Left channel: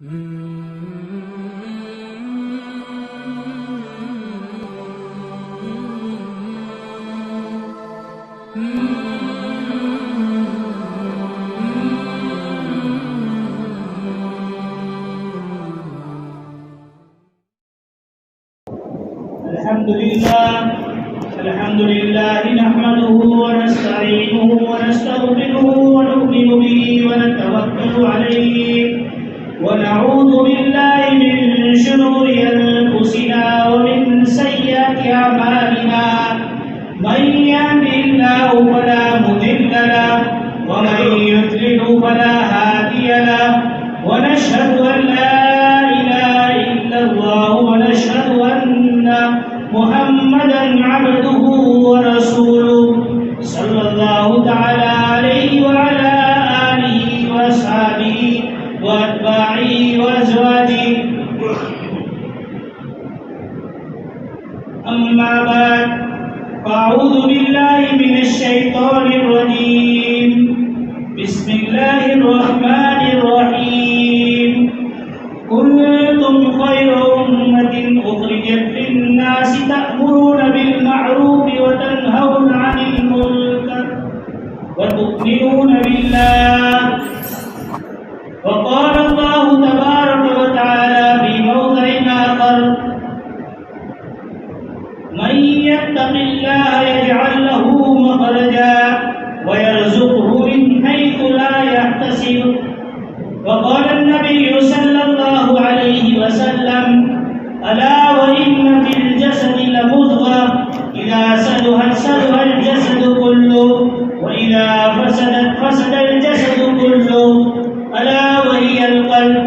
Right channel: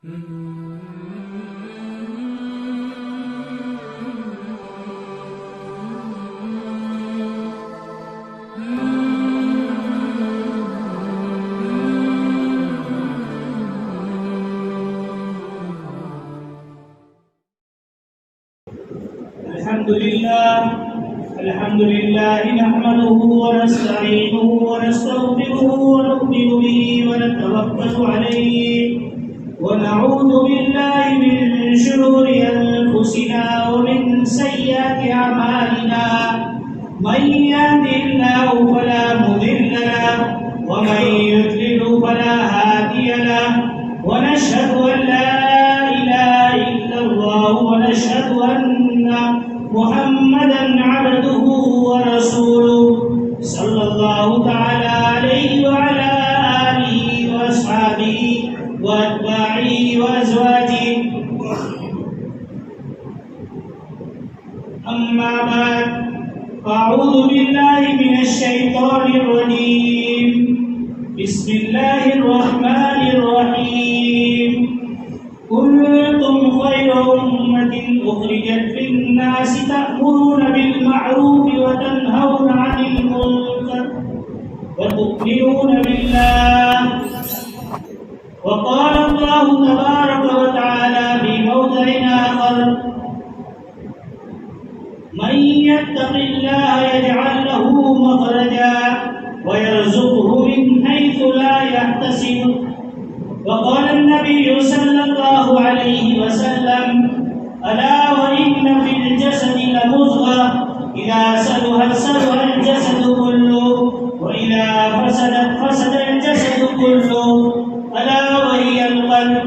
الحمد لله نحمده ونستعينه ونستغفره ونؤمن به ونتوكل عليه ونعوذ بالله من شرور أنفسنا ومن سيئات أعمالنا من يهده الله فلا مضل له ومن يضلل فلا هادي له ونشهد أن لا إله إلا الله ونشهد أن محمدا عبده ورسوله صلى الله تعالى عليه وعلى آله وأصحابه وأتباعه وأزواجه أما بعد فأعوذ بالله من الشيطان الرجيم بسم الله الرحمن الرحيم كنتم خير أمة أخرجت للناس تأمرون بالمعروف وتنهون عن المنكر وتؤمنون بالله وقال الله تبارك وتعالى في موضع آخر من يتق الله يجعل له مخرجا ويرزقه من حيث لا يحتسب وقال النبي صلى الله عليه وسلم ألا وإن في الجسد لمضغة إذا صلح الجسد كله وإذا فسد الجسد كله ألا وهي القلب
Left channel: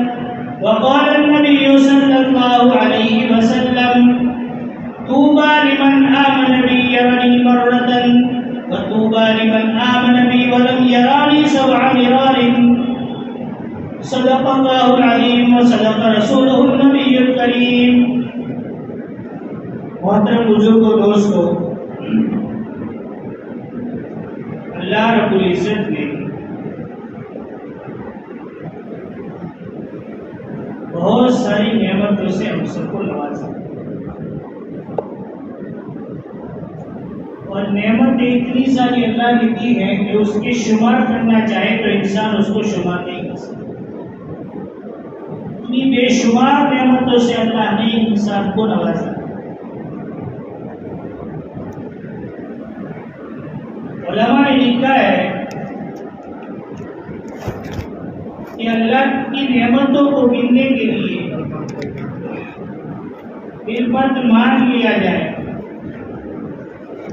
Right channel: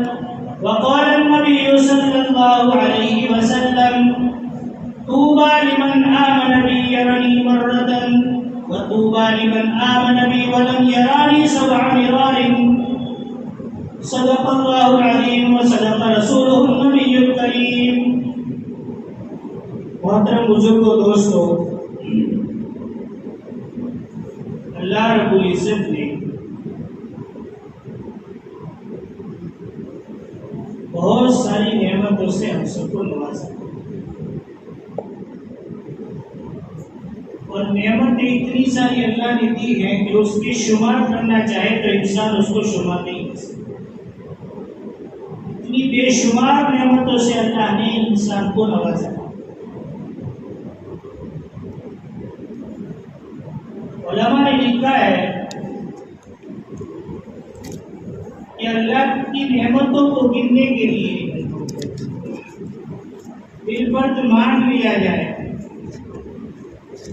وقال النبي صلى الله عليه وسلم طوبى لمن آمن بي يرني مرة وطوبى لمن آمن بي ولم يراني 7 مرار صدق اللہ العظیم وصدق رسولہ النبی الکریم. محترم بزرگوں، دوستو، اللہ رب العزت نے بہت ساری نعمتوں سے ہم سب کو نوازا اور نعمتیں اتنی ساری اللہ نے دی ہیں کہ اس کے شمار کرنا چاہے تو انسان اس کو شمار نہیں کر سکتا. بے شمار نعمتوں سے اللہ نے انسان کو نوازا. علماء نے لکھا ہے کہ اللہ کی نعمتوں کو گننے کے لیے بالفرض مان لیا جائے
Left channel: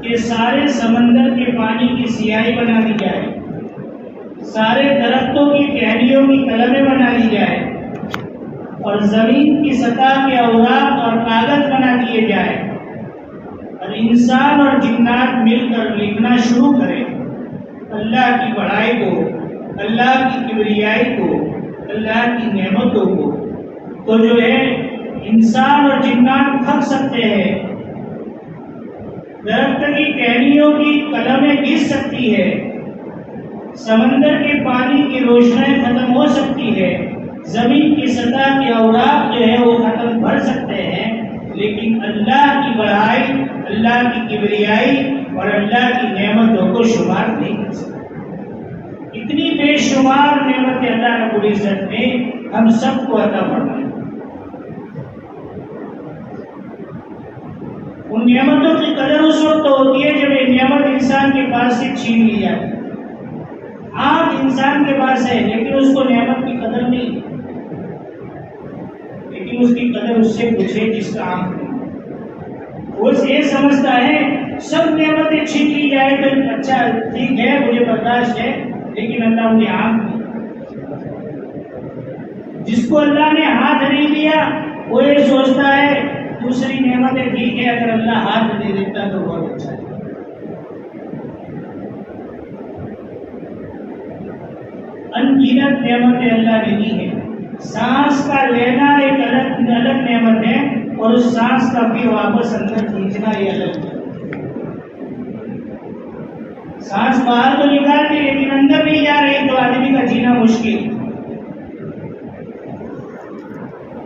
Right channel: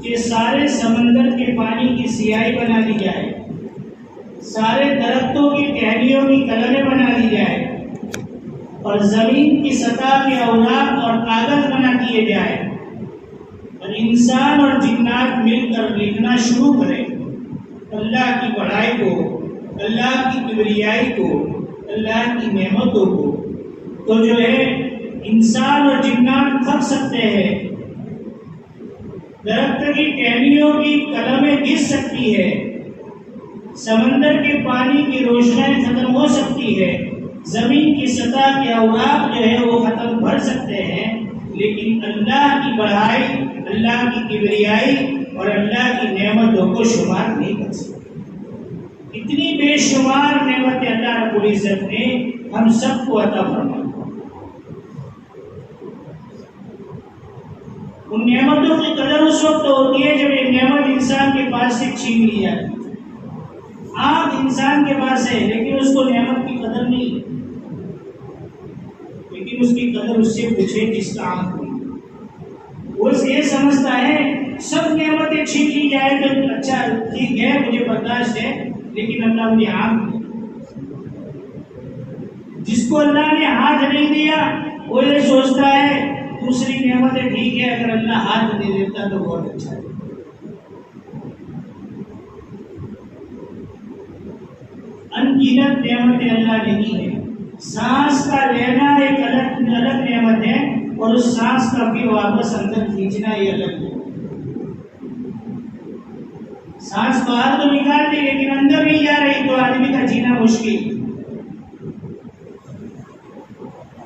کہ سارے سمندر کے پانی کی سیاہی بنا دی جائے، سارے درختوں کی ٹہنیوں کی قلمیں بنا دی جائے اور زمین کی سطح کے اوراق اور کاغذ بنا دیے جائے اور انسان اور جنات مل کر لکھنا شروع کریں اللہ کی بڑائی کو، اللہ کی کبریائی کو، اللہ کی نعمتوں کو، تو جو ہے انسان اور جنات تھک سکتے ہیں، درخت کی ٹہنیوں کی قلمیں گر سکتی ہے، سمندر کے پانی کی روشنائی ختم ہو سکتی ہے، زمین کی سطح کے اوراق جو ہے وہ ختم بھر سکتے ہیں، لیکن اللہ کی بڑائی، اللہ کی کبریائی اور اللہ کی نعمتوں کو شمار نہیں کر سکتے. اتنی بے شمار نعمتیں اللہ رب العزت نے ہم سب کو عطا فرمائی. ان نعمتوں کی قدر اس وقت ہوتی ہے جب یہ نعمت انسان کے پاس سے چھین لی جائے. آنکھ انسان کے پاس ہے لیکن اس کو نعمت کی قدر نہیں، لیکن اس کی قدر اس سے پوچھے جس کا آنکھ نہیں. وہ یہ سمجھتا ہے سب نعمتیں چھین لی جائے تو اچھا ٹھیک ہے، مجھے برداشت ہے، لیکن اللہ مجھے آنکھ نہیں. جس کو اللہ نے ہاتھ نہیں دیا وہ یہ سوچتا ہے دوسری نعمتیں ٹھیک ہے، اگر اللہ ہاتھ دے دیتا تو بہت اچھا ہے. انگنت نعمتیں اللہ نے دی ہیں. سانس کا لینا ایک الگ نعمت ہے اور اس سانس کا بھی واپس اندر کھینچنا یہ الگ ہے. سانس باہر تو نکال دی لیکن اندر نہیں جا رہی تو آدمی کا جینا مشکل.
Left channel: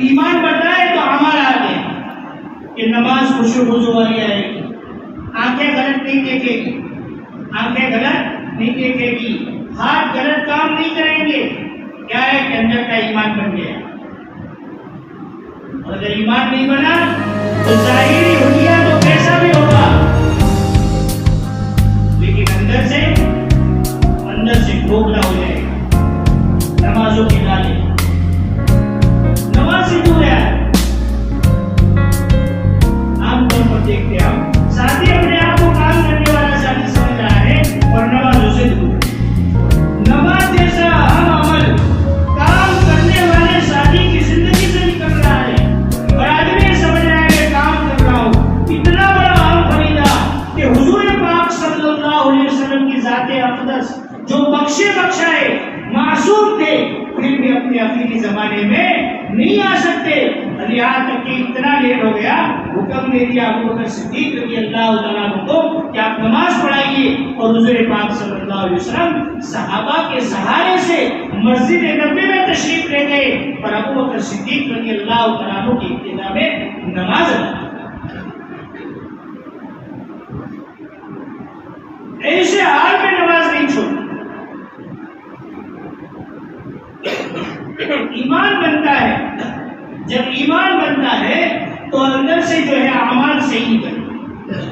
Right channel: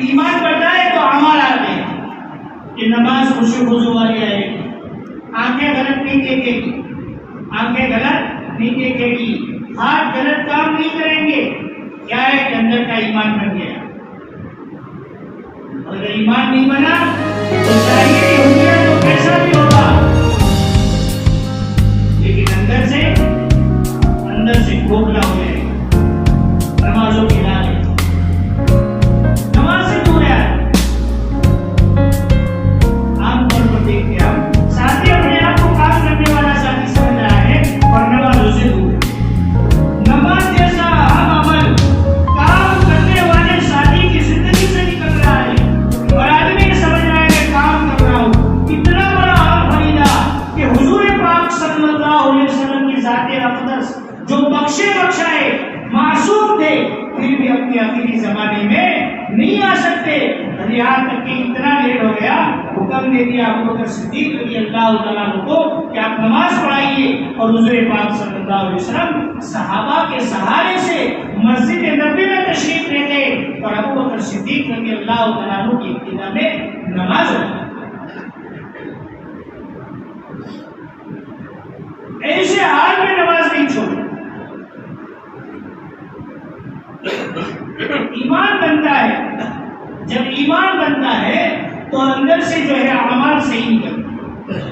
ایمان بڑھتا ہے تو عمل آتے ہیں کہ نماز خوشی خضو والی آئے گی، آنکھیں غلط نہیں دیکھے گی، آنکھیں غلط نہیں دیکھے گی، ہاتھ غلط کام نہیں کریں گے. کیا ہے کہ اندر کا ایمان بن گیا. اور اگر ایمان نہیں بنا تو ظاہری دنیا تو کیسا بھی ہوگا، لیکن اندر سے کھوکھلا ہو جائے گا. نمازوں کی لالے نماز سے دور ہے. عام طور پر دیکھتے ہیں ہم ساتھی اپنے آپ کو کام کرنے والا ساتھی سمجھ رہا ہے اور نمازوں سے دور. نماز جیسا ہم عمل کام کرنے والے ساتھی کی زندگی سے نکل رہا ہے اور آدمی سمجھ رہا ہے کہ کام کر رہا ہوں. اتنا بڑا عام خریدا کہ حضور پاک صلی اللہ علیہ وسلم کی ذات اقدس جو بخشائے معصوم تھے پھر بھی اپنے آخری زمانے میں نہیں آ سکتے. یہاں تک کہ اتنا لیٹ ہو گیا حکم دے دیا ابو بکر صدیق رضی اللہ تعالیٰ عنہ کو کہ آپ نماز پڑھائیے. اور حضور پاک صلی اللہ علیہ وسلم صحابہ کے سہارے سے مسجد نبوی میں تشریف لے گئے اور ابو بکر صدیق رضی اللہ تعالیٰ عنہ کی ابتدا میں نماز ادا. ایسے حال میں نماز نہیں چھوڑ. ایمان بنتا ہے. جب ایمان بنتا ہے تو اندر سے جو ہے اعمال صحیح نکلتا ہے.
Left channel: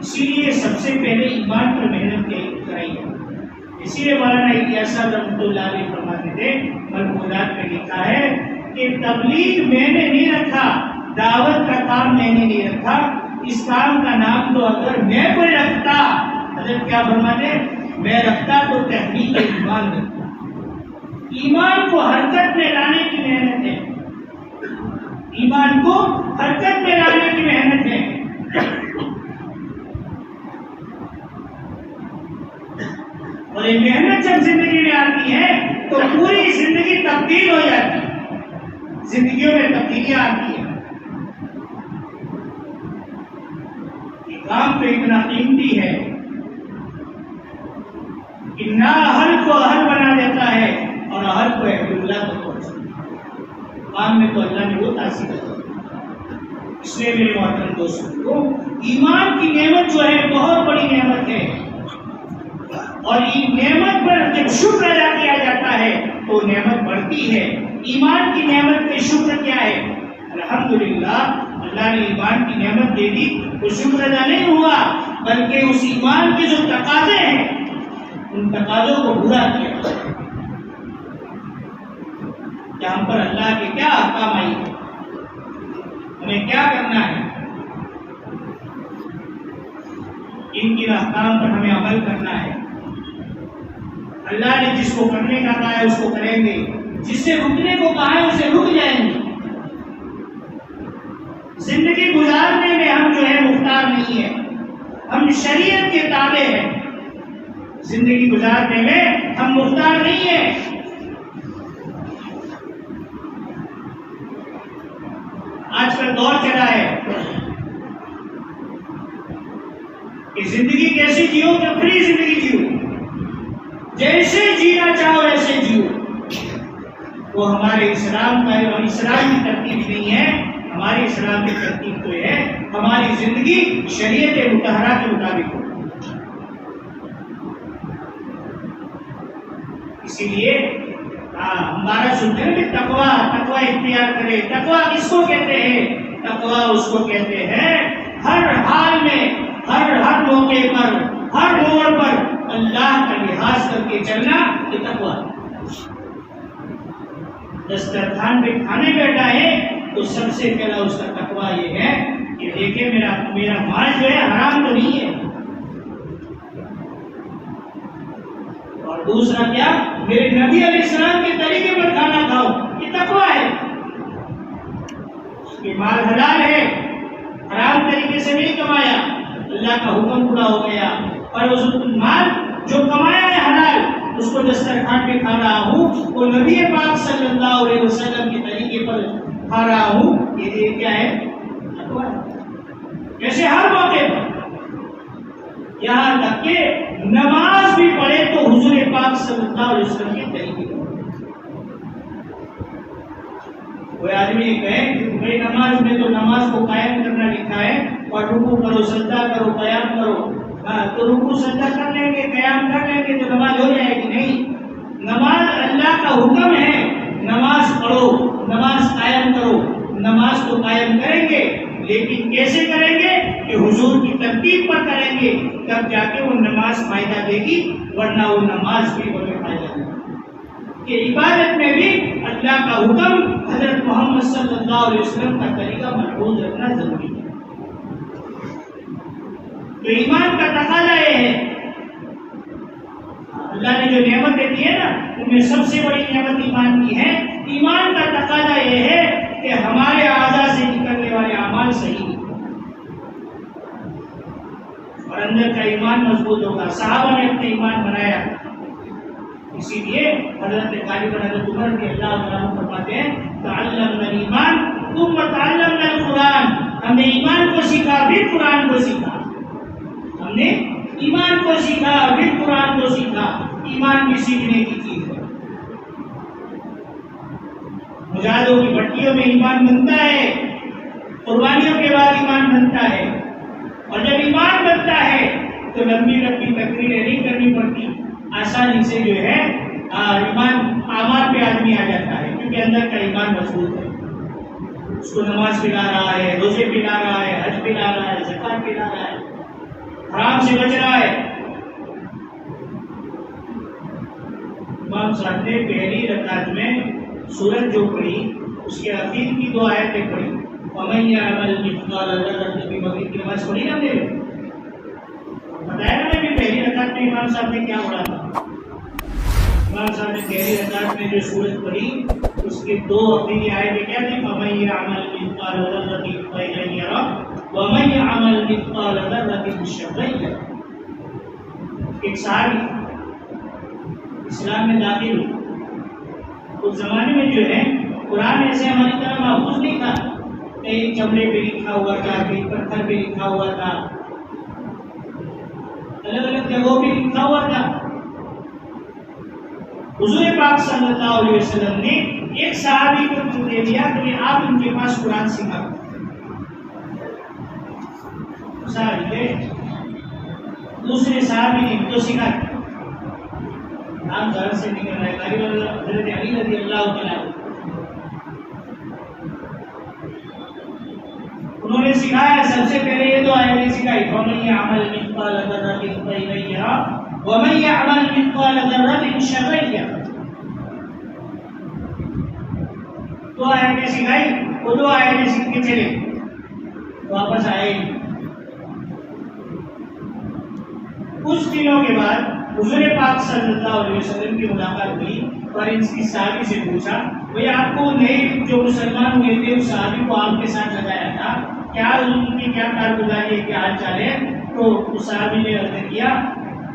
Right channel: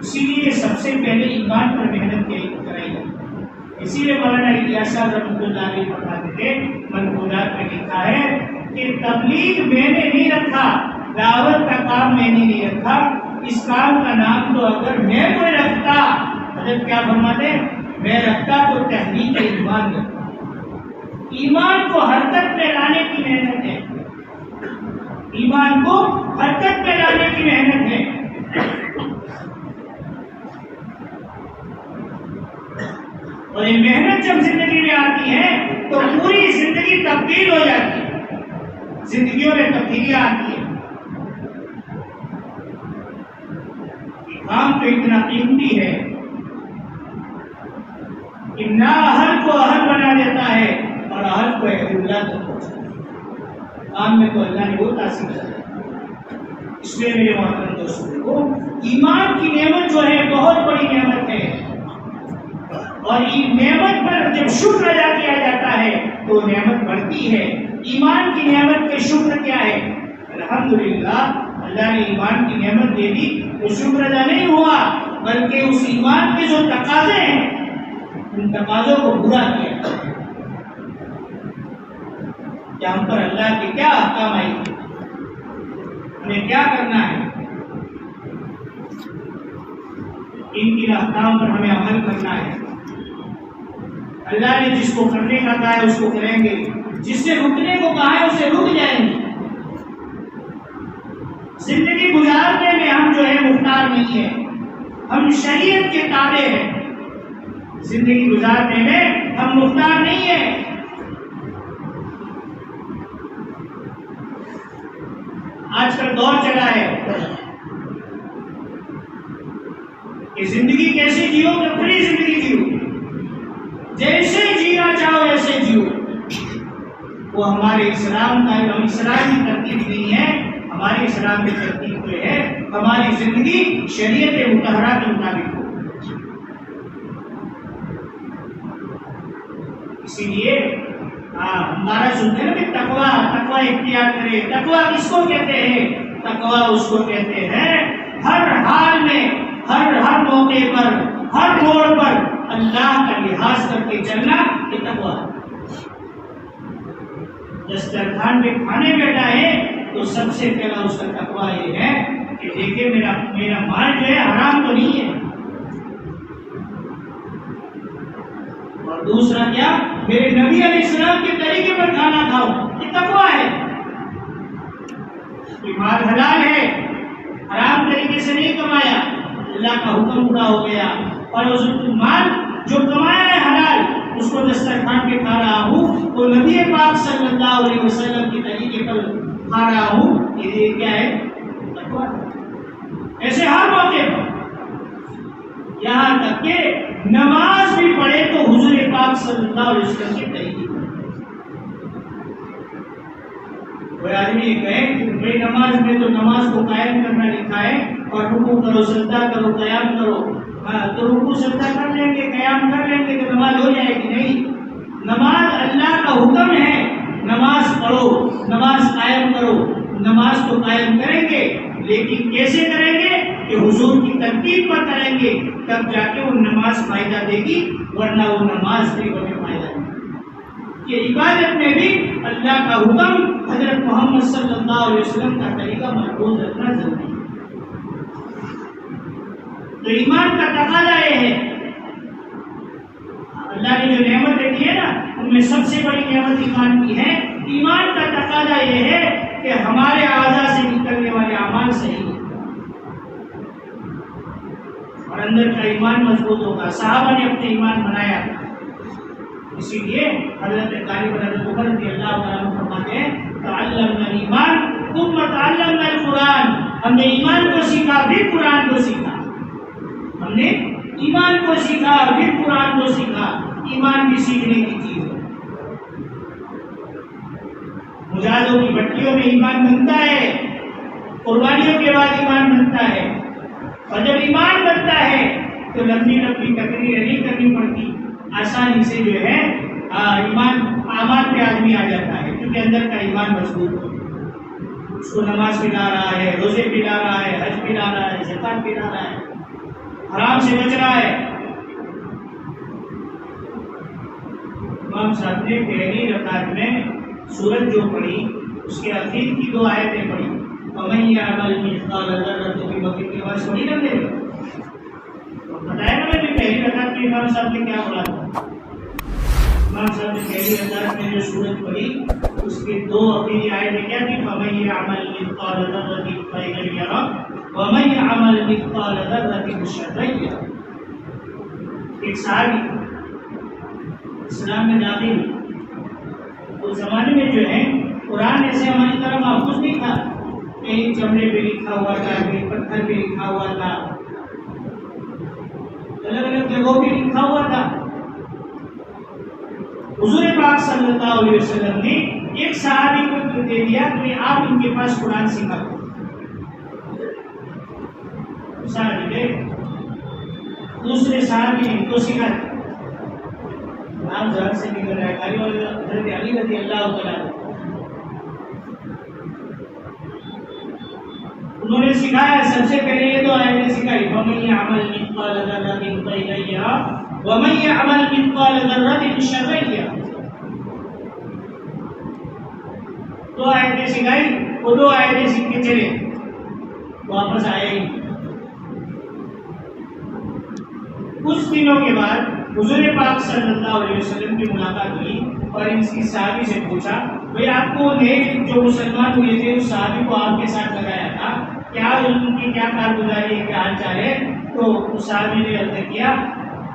اسی لیے سب سے پہلے ایمان پر محنت کرائی. اسی لیے مولانا الیاس صاحب رحمۃ اللہ علیہ فرماتے تھے، ملفوظات میں لکھا ہے کہ تبلیغ میں نے نہیں رکھا، دعوت کا کام میں نے نہیں رکھا، اس کام کا نام تو اگر میں کوئی رکھتا، حضرت کیا فرماتے، میں رکھتا تو تحقیق ایمان رکھتا. ایمان کو حرکت میں لانے کی محنت ہے. ایمان کو حرکت میں لانے کی محنت ہے. اور یہ محنت جب زندگی میں آتی ہے تو پوری زندگی تبدیل ہو جاتی ہے. زندگیوں میں تبدیلیاں آتی ہیں. یہ کام تو اتنا قیمتی ہے کہ نہ اہل کو اہل بنا دیتا ہے اور اہل کو اللہ تک پہنچاتا ہے. کام میں تو اللہ نے وہ تاثیر ہے. اس لیے میرے محترم دوستوں کو ایمان کی نعمت جو ہے بہت بڑی نعمت ہے. اور یہ نعمت پر جب شکر ادا کیا جاتا ہے تو نعمت بڑھتی ہے. ایمان کی نعمت کا شکر کیا ہے؟ الحمدللہ اللہ نے ایمان کی نعمت دے دی تو شکر ادا نہیں ہوا، بلکہ اس ایمان کے جو تقاضے ہیں ان تقاضوں کو پورا کیا. کہ ہم پر اللہ کے کیا احکام آئی ہے، ہمیں کیا کرنا ہے، ان کے احکام پر ہمیں عمل کرنا ہے. اللہ نے جس کو کرنے کا کہا ہے اس کو کریں گے، جس سے رکنے کو کہا ہے اسے رک جائیں گے. زندگی گزارنے میں ہم جو ہے مختار نہیں ہیں، ہم شریعت کے تابع ہیں. زندگی گزارنے میں ہم مختار نہیں ہیں. آج کل دور چلا ہے کہ زندگی کیسے جیو کہ فری زندگی جیو، جیسے جینا چاہو ایسے جیو. وہ ہمارے اسلام کا اور اسلام کی ترتیب نہیں ہے. ہمارے اسلام کی ترتیب تو ہے ہماری زندگی شریعت مطہرہ کے مطابق ہو. اسی لیے ہمارا سنتے ہیں کہ تقویٰ اختیار کرے. تقویٰ کس کو کہتے ہیں؟ تقویٰ اس کو کہتے ہیں ہر حال میں، ہر موقع پر، ہر موڑ پر اللہ کا لحاظ کر کے چلنا، یہ تقویٰ. دسترخوان پہ کھانے بیٹھا ہے تو سب سے پہلا اس کا تقویٰ یہ ہے کہ دیکھیں میرا مال جو ہے حرام تو نہیں ہے. اور دوسرا کیا؟ میرے نبی علیہ السلام کے طریقے پر کھانا کھاؤ، یہ تقویٰ ہے. کہ مال حلال ہے، حرام طریقے سے نہیں کمایا، اللہ کا حکم پورا ہو گیا. اور اس مال جو کمایا ہے حلال اس کو دسترخوان پہ کھا رہا ہوں، وہ نبی پاک صلی اللہ علیہ وسلم کے طریقے پر کھا رہا ہوں، یہ کیا ہے؟ تقویٰ. ایسے ہر موقع پر، یہاں تک کہ نماز بھی پڑھے تو حضور پاک صلی اللہ علیہ وسلم کے طریقے پر. کوئی آدمی کہے بھائی نماز میں تو نماز کو قائم کرنا لکھا ہے اور رکوع کرو، سجدہ کرو، قیام کرو، تو رکوع سجدہ کر لیں گے، قیام کر لیں گے تو نماز ہو جائے گی؟ نہیں، نماز اللہ کا حکم ہے، نماز پڑھو، نماز قائم کرو، نماز تو قائم کریں گے لیکن کیسے کریں گے کہ حضور کی ترتیب پر کریں گے، تب جا کے وہ نماز فائدہ دے گی، ورنہ وہ نماز بھی ہمیں فائدہ دے گی۔ کہ عبادت میں بھی اللہ کا حکم، حضرت محمد صلی اللہ علیہ وسلم کا طریقہ محفوظ رکھنا ضروری ہے۔ تو ایمان کا تقاضا یہ ہے، اللہ نے جو نعمتیں دی ہے نا ان میں سب سے بڑی نعمت ایمان کی ہے۔ ایمان کا تقاضا یہ ہے کہ ہمارے اعضاء سے نکلنے والے اعمال صحیح ہیں اور اندر کا ایمان مضبوط ہوگا۔ صحابہ نے اپنے ایمان بنایا، اسی لیے حضرت غالب حضرت عمر رضی اللہ عنہ فرماتے ہیں تعلمنا الایمان ثم تعلمنا القرآن، ہم نے ایمان کو سیکھا پھر قرآن کو سیکھا، ہم نے ایمان کو سیکھا پھر قرآن کو سیکھا۔ ایمان بھی سیکھنے کی چیز ہے۔ مجاہدوں کی بھٹیوں میں ایمان بنتا ہے، قربانیوں کے بعد ایمان بنتا ہے، اور جب ایمان بنتا ہے تو لمبی لمبی تقریریں نہیں کرنی پڑتی، آسانی سے جو ہے ایمان اعمال پہ آدمی آ جاتا ہے، کیونکہ اندر کا ایمان مضبوط ہے۔ اس کو نماز پلا رہا ہے، روزے پلا رہا ہے، حج پلا رہا ہے، زکات پلا رہا ہے، حرام سے بچ رہا ہے۔ امام صاحب نے پہلی رکعت میں سورت جو پڑھی اس کے اخیر کی 2 آیتیں پڑھی، وَمَن يَعْمَلْ مِثْقَالَ ذَرَّةٍ فِي مَغْفِرَةٍ کی نماز پڑھی نا ہم نے، بتایا نا کہ پہلی رکعت میں امام صاحب نے کیا پڑھا تھا۔ امام صاحب نے پہلی رکعت میں جو سورت پڑھی اس کے 2 آخری آیتیں کیا تھی؟ وَمَن يَعْمَلْ مِثْقَالَ ذَرَّةٍ خَيْرًا يَرَهُ وَمَن يَعْمَلْ مِثْقَالَ ذَرَّةٍ شَرًّا يَرَهُ۔ ایک صحابی اسلام میں داخل ہوئے، اس زمانے میں جو ہے قرآن ایسے ہماری طرح محفوظ نہیں تھا، کہیں چمڑے پہ لکھا ہوا تھا، کہیں پتھر پہ لکھا ہوا تھا، الگ الگ جگہوں پہ لکھا ہوا تھا۔ حضور پاک صلی اللہ علیہ وسلم نے ایک صحابی کو دے دیا کہ آپ ان کے پاس قرآن سکھاؤ۔ صحابی دوسرے صحابی نے تو سکھایا، آپ جان سے نکل رہے غالب حضرت علی رضی اللہ تعالیٰ انہوں نے سکھایا۔ سب سے پہلے یہ 2 آیتیں سکھائی، وَمَن يَعْمَلْ مِثْقَالَ ذَرَّةٍ خَيْرًا يَرَهُ وَمَن يَعْمَلْ مِثْقَالَ ذَرَّةٍ شَرًّا يَرَهُ۔ 2 آیتیں سکھائی، وہ 2 آیتیں سیکھ کے چلے، واپس آئے گی۔ کچھ دنوں کے بعد حضور پاک صلی اللہ علیہ وسلم کی ملاقات ہوئی اور ان کی صحابی سے پوچھا بھئی آپ کو نئے جو مسلمان ہوئے تھے اس صحابی کو آپ کے ساتھ لگایا تھا، کیا ان کی کیا کارگزاری ہے، کیا حال چال ہے؟ تو اس صحابی نے عرض کیا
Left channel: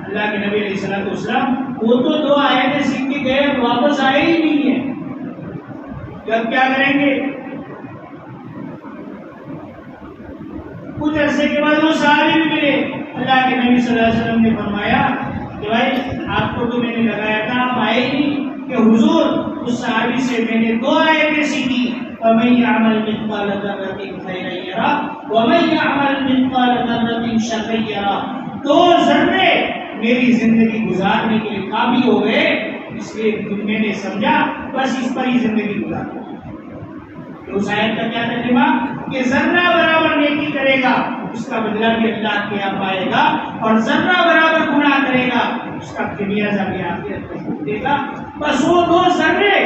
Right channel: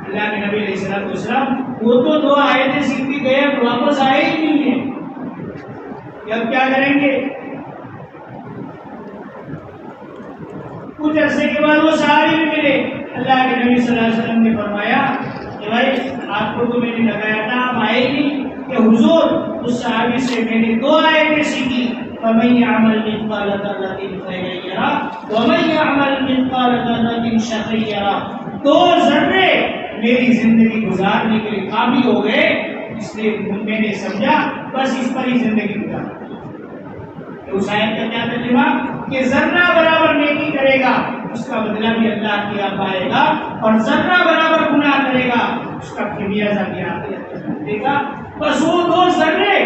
اللہ کے نبی علیہ السلام وہ تو 2 آیتیں سیکھ کے گئے، واپس آئے ہی نہیں ہیں، اب کیا کریں گے؟ کچھ عرصے کے بعد وہ صحابی بھی ملے، اللہ کے نبی صلی اللہ علیہ وسلم نے فرمایا کہ بھائی آپ کو تو میں نے لگایا تھا، آپ آئے ہی نہیں، کہ حضور اس صحابی سے میں نے 2 آیتیں سیکھی، وَمَن يَعْمَلْ مِثْقَالَ ذَرَّةٍ خَيْرًا يَرَهُ وَمَن يَعْمَلْ مِثْقَالَ ذَرَّةٍ شَرًّا يَرَهُ۔ 2 ذرے میری زندگی گزارنے کے لیے کافی ہو گئے، اس لیے میں نے سمجھا بس اس پر ہی زندگی گزار۔ اس آیت کا کیا ترجمہ کہ ذرہ برابر نیکی کرے گا اس کا بدلہ بھی اللہ کے یہاں پائے گا، اور ذرہ برابر گناہ کرے گا اس کا خمیازہ بھی آخرت میں دے گا۔ بس وہ 2 ذرے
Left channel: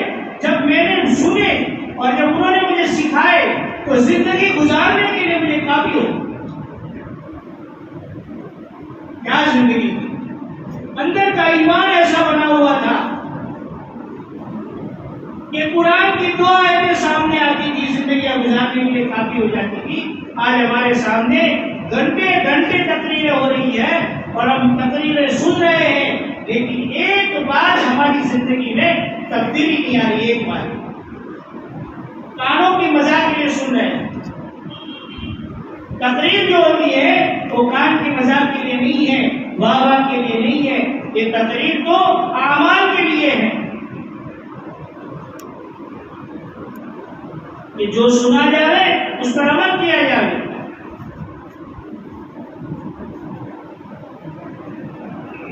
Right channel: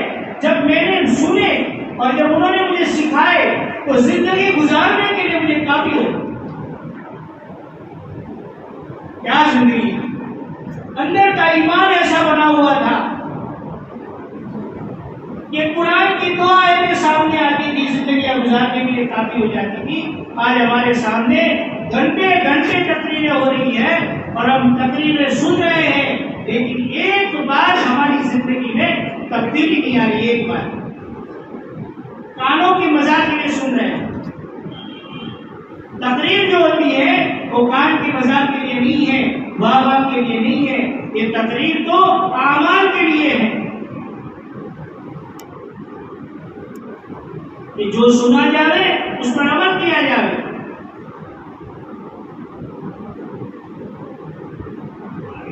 جب میں نے سنے اور جب انہوں نے مجھے سکھائے تو زندگی گزارنے کے لیے مجھے کافی ہو۔ کیا زندگی اندر کا ایمان ایسا بنا ہوا تھا کہ قرآن کی 2 آیتیں سامنے آتی تھی، زندگیاں گزارنے کے لیے کافی ہو جاتی تھی۔ آج ہمارے سامنے گھنٹے گھنٹے تقریریں ہو رہی ہے اور ہم تقریریں سن رہے ہیں، لیکن ایک بار ہماری زندگی میں تبدیلی نہیں آ رہی۔ ایک بار کانوں کی مزاح کے لیے سن رہے ہیں، تقریر جو ہوتی ہے وہ کان کی مزاح کے لیے نہیں ہے، واہ واہ کے لیے نہیں ہے، یہ تقریر تو اعمال کے لیے ہے۔ کہ جو سنا جائے اس پر عمل کیا جائے.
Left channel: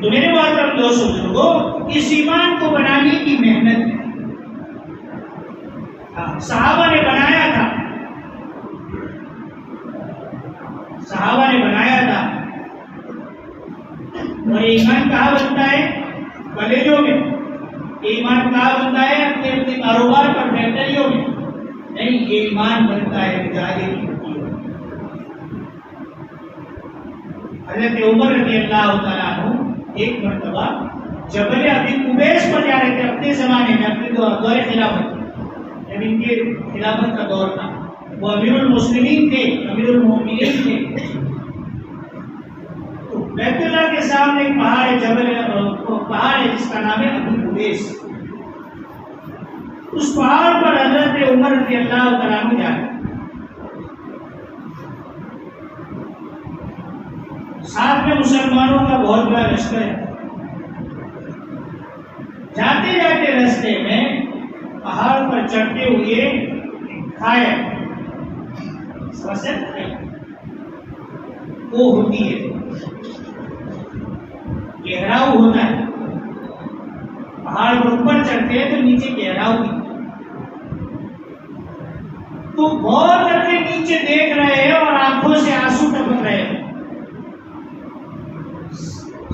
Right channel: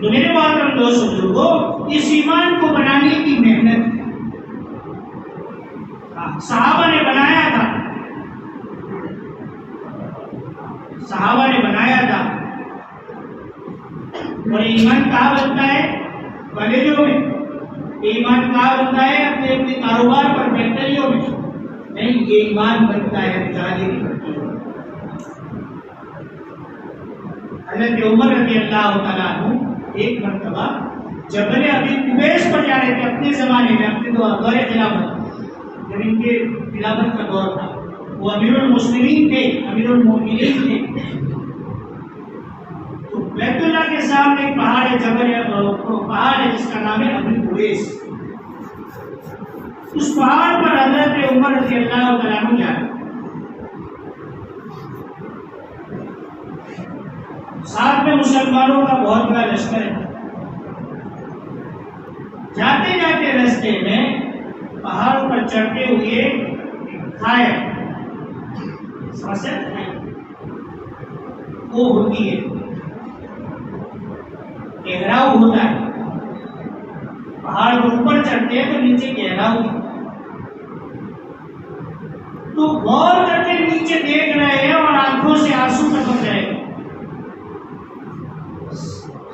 تو میرے محترم دوستو بزرگوں، اس ایمان کو بنانے کی محنت صحابہ نے بنایا تھا. اور ایمان کہاں بنتا ہے؟ کالجوں میں. ایمان کہاں بنتا ہے؟ اپنے اپنے کاروبار پر، فیکٹریوں میں نہیں. یہ ایمان بنتا ہے مجاہدے کی بھٹیوں میں. حضرت عمر رضی اللہ تعالیٰ عنہ ایک مرتبہ جبل ابی قبیس پر جا رہے تھے اپنے زمانے میں، اپنے دور خلافت، جب ان کے خلافت کا دور تھا. وہ امیر المسلمین تھے، امیر المومنین تھے. تو بیت اللہ کے سامنے ایک پہاڑ ہے، پہاڑ ہے جس کا نام ہے ابی قبیس. اس پہاڑ پر حضرت عمر رضی اللہ تعالیٰ عنہ جا رہے. ساتھ میں مسلمانوں کا بہت بڑا لشکر ہے. جاتے جاتے رستے میں پہاڑ پر چڑھتے ہوئے کھائے وہ ہوتی ہے، گہراؤ ہوتا ہے. پہاڑ پر اوپر چڑھتے ہیں تو نیچے گہراؤ ہوتی ہے. تو غور کر کے نیچے دیکھ رہے ہیں اور آنکھوں سے آنسو ٹپک رہے ہیں.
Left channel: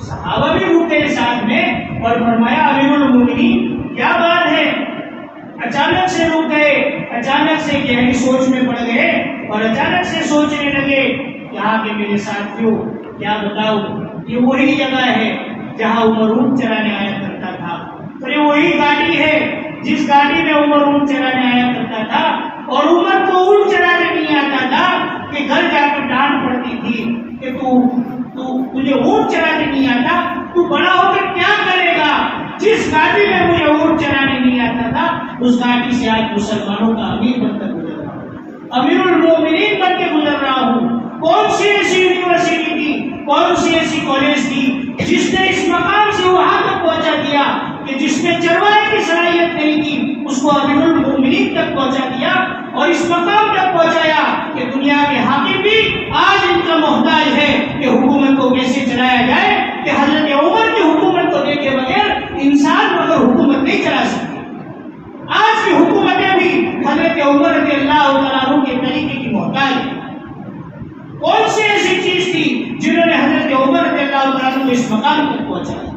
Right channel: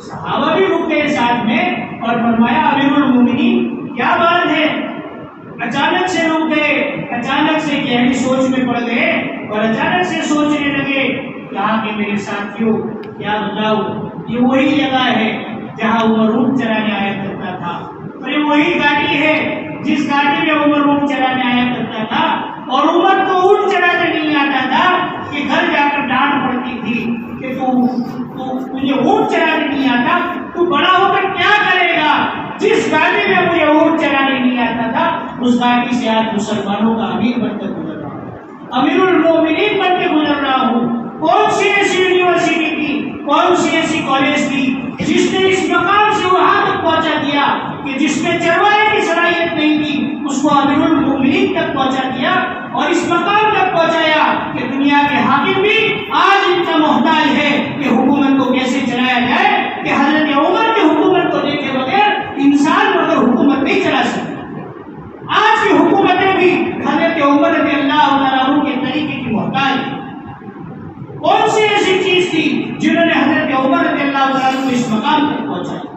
صحابہ بھی رک گئے ساتھ میں اور فرمایا امیر المومنین کیا بات ہے؟ اچانک سے رک گئے، اچانک سے گہری سوچ میں پڑ گئے اور اچانک سے سوچنے لگے. کہا کہ میرے ساتھیوں کیا بتاؤ، یہ وہی جگہ ہے جہاں عمر اونٹ چرانے آیا کرتا تھا. اور یہ وہی گاڑی ہے جس گاڑی میں عمر اونٹ چرانے آیا کرتا تھا. اور عمر کو اونٹ چرانے نہیں آتا تھا کہ گھر جا کر ڈانٹ پڑتی تھی کہ تجھے اونٹ چرانے نہیں آتا، تو بڑا ہو کر کیا کرے گا؟ جس گاڑی میں مجھے اونٹ چرانے نہیں آتا تھا اس گاڑی سے آج مسلمانوں کا امیر بن کر گزر رہا ہوں، امیر المومنین بن کے گزر رہا ہوں. کون سی ایسی یونیورسٹی تھی، کون سی ایسی کالج تھی جس نے اس مقام سے وہاں تک پہنچا دیا کہ جس میں چرواہے کی صلاحیت نہیں تھی اس کو امیر المومنین تک پہنچا دیا اور اس مقام تک پہنچایا کہ دنیا کے حاکم بھی آج ان کا محتاج ہے کہ حکومت کو کیسے چلایا جائے. کہ حضرت عمر کی حکومت کو دیکھے بغیر انسان مگر حکومت نہیں چلا سکتا. آج کی حکومتیں بھی حضرت عمر رضی اللہ تعالیٰ عنہ کے طریقے کی محتاج ہے. کون سی ایسی چیز تھی جنہوں نے حضرت عمر رضی اللہ تعالیٰ عنہ کو اس مقام تک پہنچایا؟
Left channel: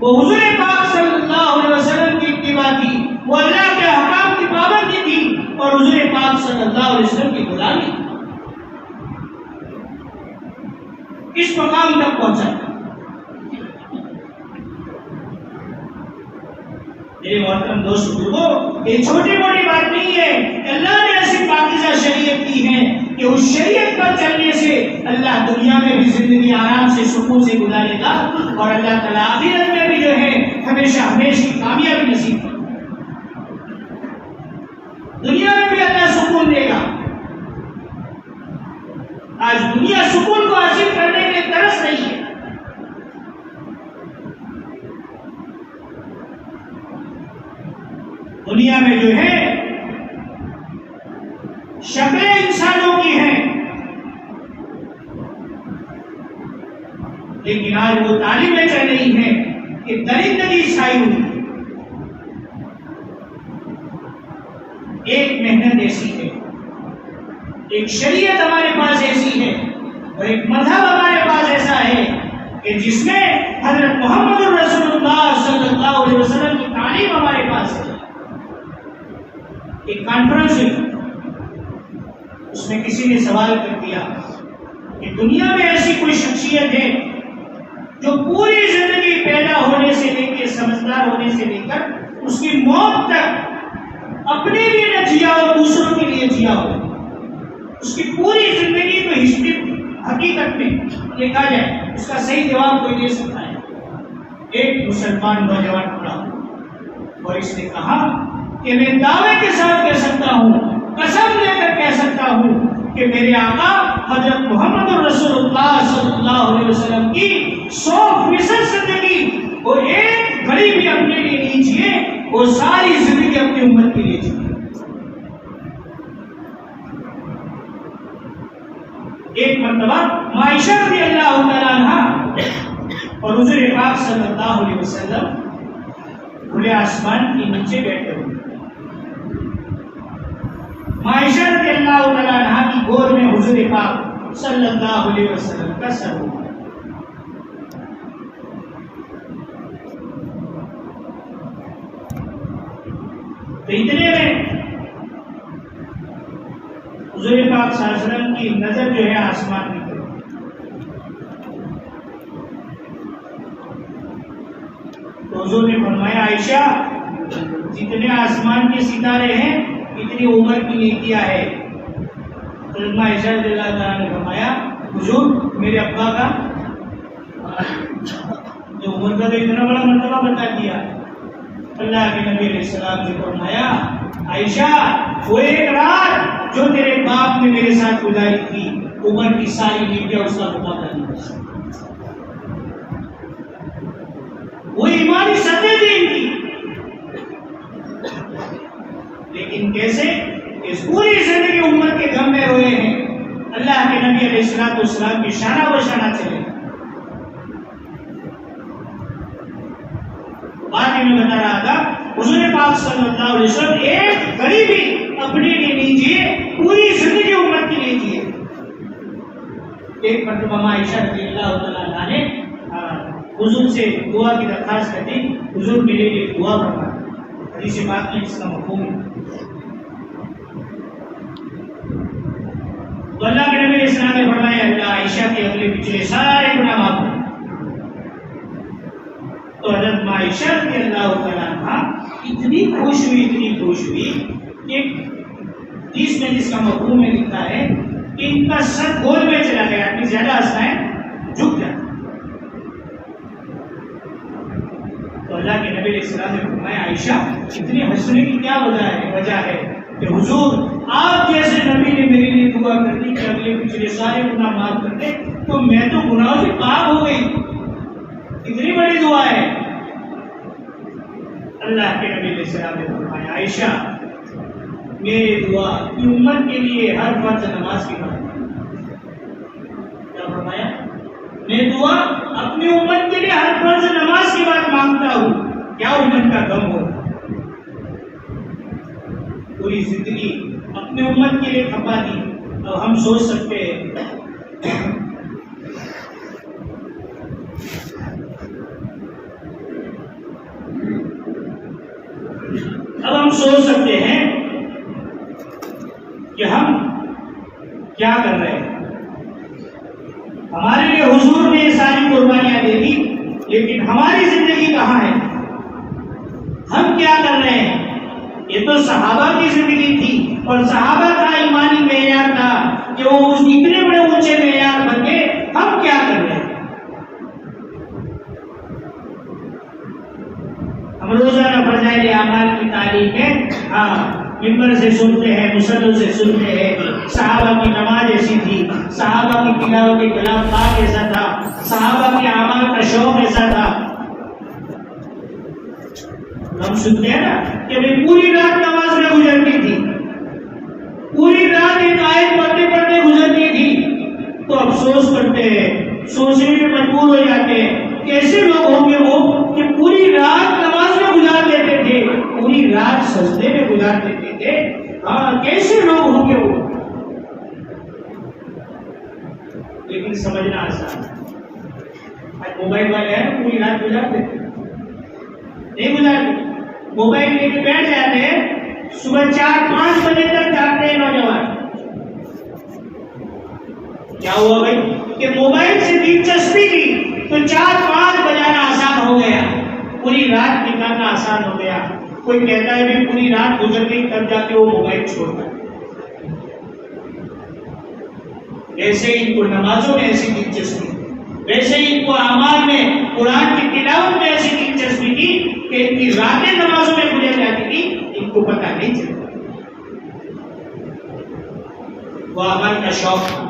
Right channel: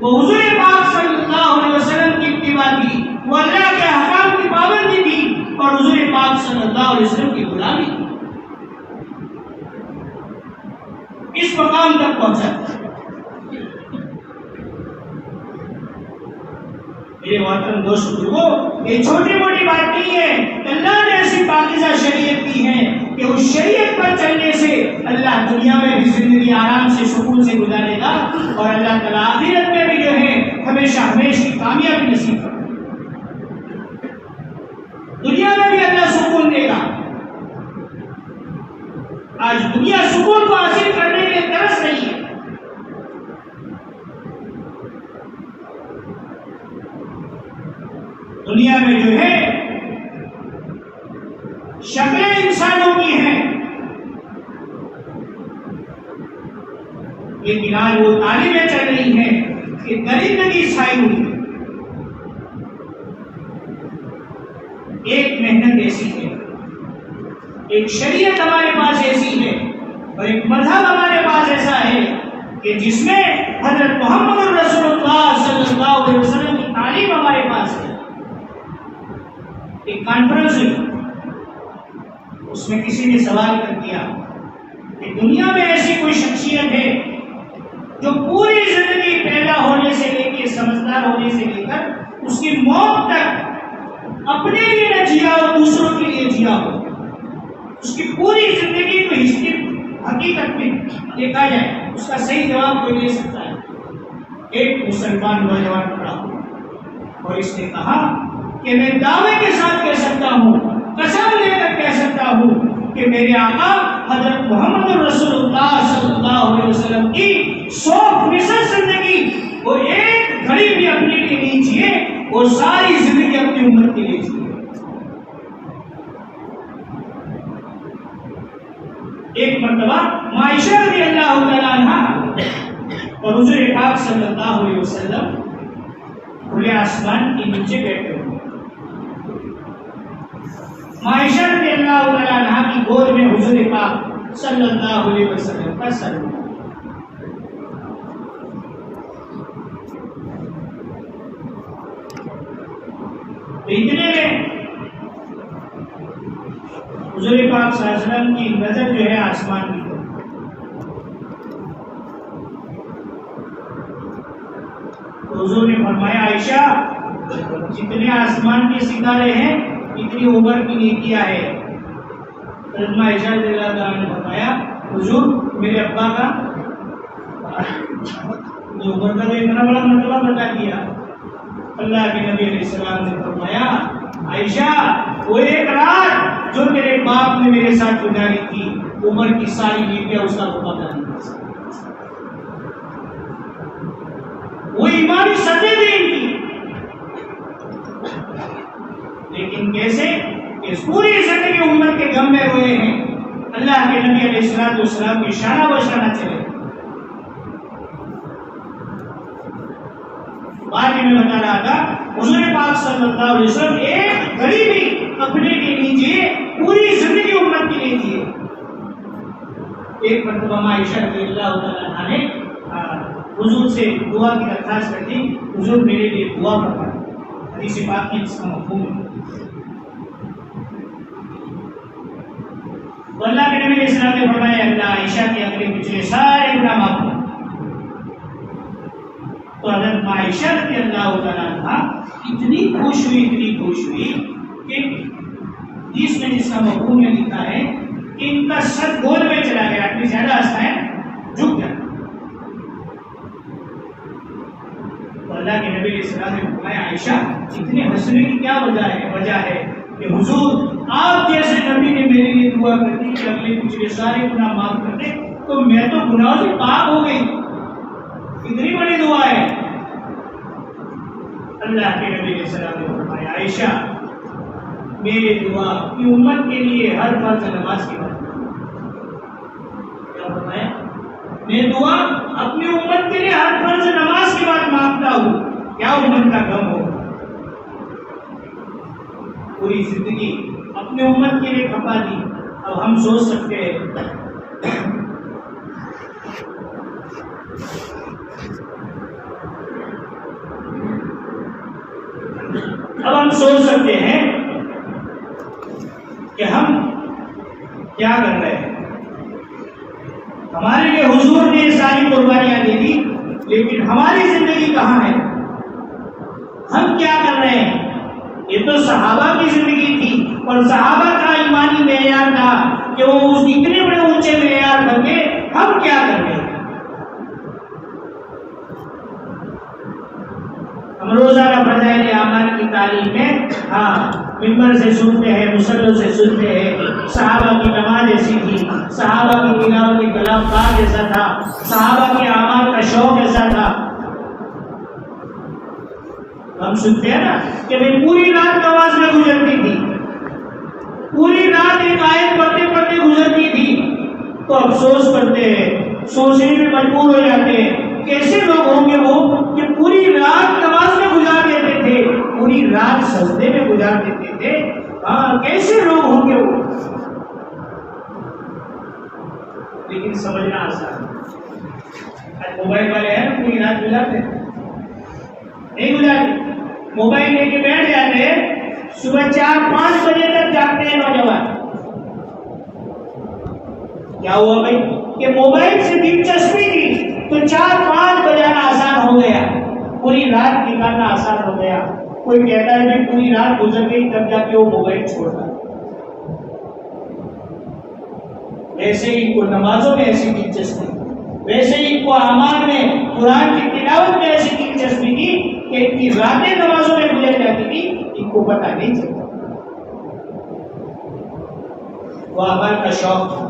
وہ حضور پاک صلی اللہ علیہ وسلم کی اتباع تھی، وہ اللہ کے احکام کی پابندی تھی اور حضور پاک صلی اللہ علیہ وسلم کی غلامی تھی. اس مقام تک پہنچا. میرے محترم دوست بزرگوں، یہ چھوٹی موٹی بات نہیں ہے کہ اللہ نے ایسی پاکیزہ شریعت کی ہے کہ اس شریعت پر چلنے سے اللہ دنیا میں بھی زندگی آرام سے سکون سے گزارے گا اور اللہ تعالیٰ آخرت میں بھی جو ہے ہمیشہ ہمیشہ کامیابی نصیب کرے. دنیا میں بھی اللہ سکون دے گا. آج دنیا سکون کو حاصل کرنے کے لیے ترس نہیں ہے. دنیا میں جو ہے شکلیں انسانوں کی ہیں لیکن آج وہ تعلیمیں چل رہی ہیں کہ درندگی چھائی ہوئی. ایک محنت ایسی ہے، ایک شریعت ہمارے پاس ایسی ہے اور ایک مذہب ہمارے پاس ایسا ہے کہ جس میں حضرت محمد رسول اللہ صلی اللہ علیہ وسلم کی تعلیم ہمارے پاس ہے. ایک کانفرنس ہوئی، اس میں کسی نے سوال کر دیا کہ دنیا میں ایسی کوئی شخصیت ہے جو پوری زندگی پیدا ہونے سے لے کے سمجھدار ہونے سے لے کر اس کی موت تک اپنے لیے نہ جیا اور دوسروں کے لیے جیا ہو. اس کی پوری زندگی کو ہسٹری حقیقت میں دیکھا جائے اس کا صحیح جواب کوئی دے سکتا ہے. ایک مسلمان نوجوان کھڑا ہو اور اس نے کہا کہ میں دعوے کے ساتھ کہہ سکتا ہوں، قسم لے کر کہہ سکتا ہوں کہ میرے آقا حضرت محمد رسول اللہ صلی اللہ علیہ وسلم کی 100% زندگی وہ ایک گھڑی بھی اپنے لیے نہیں جیے، وہ ساری زندگی اپنی امت کے لیے جیے. ایک مرتبہ عائشہ رضی اللہ تعالیٰ عنہ اور حضور پاک صلی اللہ علیہ وسلم کھلے آسمان کے نیچے بیٹھے ہوئے. عائشہ رضی اللہ تعالیٰ عنہ کی گود میں حضور پاک صلی اللہ علیہ وسلم کا سر ہوا. تو اتنے میں حضور پاک صلی اللہ علیہ وسلم کی نظر جو ہے آسمان کی طرف. تو حضور نے فرمایا عائشہ جتنے آسمان کے ستارے ہیں اتنی عمر کی نیکیاں ہے. حضرت عائشہ رضی اللہ تعالیٰ نے فرمایا حضور میرے ابا کا جو عمر کا تو اتنا بڑا مرتبہ بتا دیا. اللہ کے نبی علیہ السلام نے فرمایا عائشہ وہ ایک رات جو تیرے باپ نے میرے ساتھ گزاری تھی عمر کی ساری نیکیاں اس کا مقابلہ نہیں کر سکتی. وہ ایمانی سطح تھی ان کی. لیکن کیسے اس پوری زندگی امت کے غم میں روئے ہیں. اللہ کے نبی علیہ السلام کی شانہ بشانہ چلے. آگے میں بتا رہا تھا حضور پاک صلی اللہ علیہ وسلم ایک گھڑی بھی اپنے لیے لیجیے پوری زندگی امت کی لیجیے. ایک مرتبہ عائشہ رضی اللہ تعالیٰ عنہ نے حضور سے دعا کی درخواست کر دی حضور میرے لیے دعا فرمائیں. حدیث پاک میں اس کا مفہوم ہے. تو اللہ کے نبی علیہ السلام نے فرمایا اللہ عائشہ کے اگلے پچھلے سارے گناہ معاف کر. تو حضرت عائشہ رضی اللہ تعالیٰ عنہ اتنی خوش ہوئی کہ حدیث میں جس کا مفہوم میں لکھا ہے کہ ان کا سر گول میں چلا گیا. آدمی زیادہ ہنستا ہے جھک جاتا. تو اللہ کے نبی علیہ السلام نے فرمایا عائشہ اتنی ہنسنے کی کیا وجہ ہے کہ حضور آپ جیسے نبی نے میرے لیے دعا کر دی کہ اگلے پچھلے سارے گناہ معاف کر دے تو میں تو گناہوں سے پاک ہو گئی. اتنی بڑی دعا ہے. اللہ کے نبی علیہ السلام نے فرمایا عائشہ میرے دعا اپنی امت کے لیے ہر فرض نماز کے بعد. کیا فرمایا میں دعا اپنی امت کے لیے ہر فرض نماز کے بعد مانگتا ہوں. کیا امت کا غم ہو پوری زندگی اپنے امت کے لیے کھپا دی. اب ہم سوچ سکتے ہیں کہ ہم کیا کر رہے ہیں. ہمارے لیے حضور نے ساری قربانیاں دے دی لیکن ہماری زندگی کہاں ہے. ہم کیا کر رہے ہیں. یہ تو صحابہ کی زندگی تھی اور صحابہ کا ایمانی معیار تھا کہ وہ اس اتنے بڑے اونچے معیار بن گئے. ہم کیا کر رہے ہیں. ہم روزانہ فضائل اعمال کی تعلیم میں ممبر سے سنتے ہیں مسلوں سے سنتے ہیں صحابہ کی نماز ایسی تھی, صحابہ کی تلاوت کی کلام پاک ایسا تھا, صحابہ کے اعمال کا شوق ایسا تھا. ہم سنتے ہیں نا کہ میں پوری رات نماز میں گزرتی تھی, پوری رات ایک آیت پڑھتے پڑھتے گزرتی تھی. تو افسوس کرتے ہیں, سوچنے میں مجبور ہو جاتے ہیں کیسے لوگ ہوں گے وہ کہ پوری رات نماز میں گزار دیتے تھے, پوری رات سجدے میں گزار دیتے تھے. کیسے لوگ ہوں گے وہ. لیکن سمجھنا آسان ہے. موبائل والے ہیں نا پوری رات گزار دیتے نہیں گزارتے. موبائل لے کے بیٹھ جاتے ہیں, صبح 4-5 بجے تک جاگتے ہیں نوجوان. کیا ہوا بھائی کہ موبائل سے دلچسپی دی تو 4-5 بجانا آسان ہو گیا, پوری رات نکالنا آسان ہو گیا. کوئی کہتا ہے بھی پوری رات گزر گئی تب جا کے وہ موبائل چھوڑتا ہے. ایسے ہی ان کو نمازوں میں ایسی دلچسپی, ویسے ہی ان کو اعمال میں قرآن کی تلاوت میں ایسی دلچسپی تھی کہ ان کی راتیں نمازوں میں گزر جاتی تھی, ان کو پتہ نہیں چلتا. وہ اعمال کا شوق تھا.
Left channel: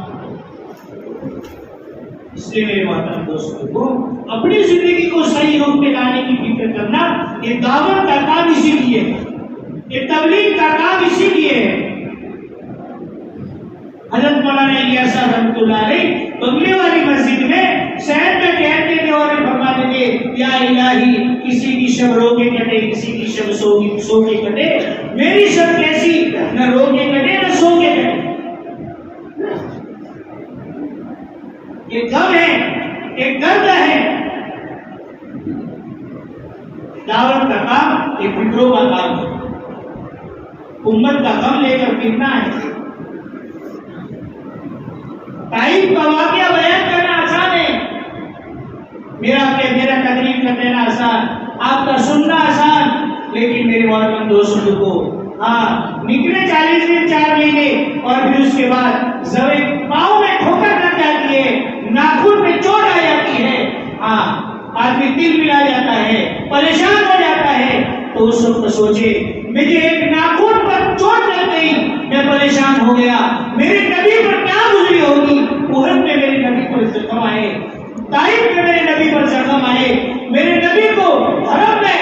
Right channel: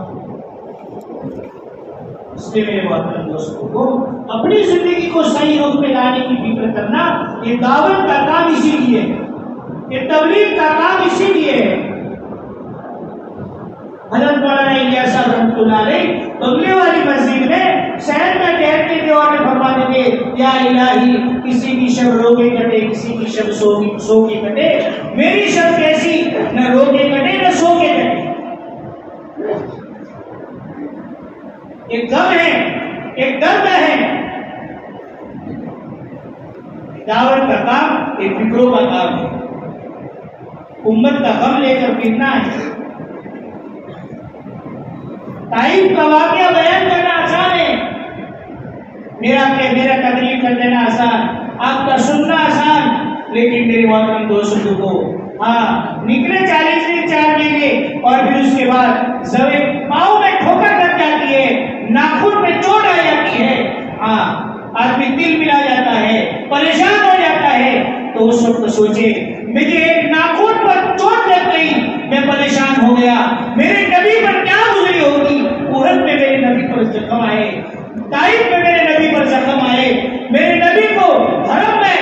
اس لیے میرے محترم دوستوں کو اپنی زندگی کو صحیح رخ پہ لانے کی فکر کرنا, یہ دعوت کا کام اسی لیے ہے, یہ تبلیغ کا کام اسی لیے ہے. حضرت مولانا الیاس صاحب رحمۃ اللہ علیہ بنگلے والی مسجد میں شہر میں ٹہلتے تھے اور فرماتے تھے یا الہی کسی کی شب رو کے کٹے کسی کی شب سو کے کٹے، میری شب کیسی نہ رو کے کٹے نہ سو کے کٹے۔ ایک غم ہے، ایک درد ہے، دعوت کا کام ایک فکروں کا کام ہے، امت کا غم لے کر پھرنا ہے۔ طائف کا واقعہ بیان کرنا آسان ہے، میرا تقریر کر دینا آسان، آپ کا سننا آسان، لیکن میرے محترم دوستوں کو نکلے 40 دن 4 مہینے اور پھر اس کے بعد زوے پاؤں میں ٹھوکر لگ جاتی ہے، ناخن میں چوٹ آ جاتی ہے، آدمی دل ملا جاتا ہے، پریشان ہو جاتا ہے، تو اس وقت سوچے مجھے ایک ناخن پر چوٹ لگ گئی، میں پریشان ہو گیا، میرے نبی پر کیا گزری ہوگی؟ احد میں میرے نبی پر زخم آئے، طائف میں میرے نبی پر زخم آئے، میرے نبی کو حرم میں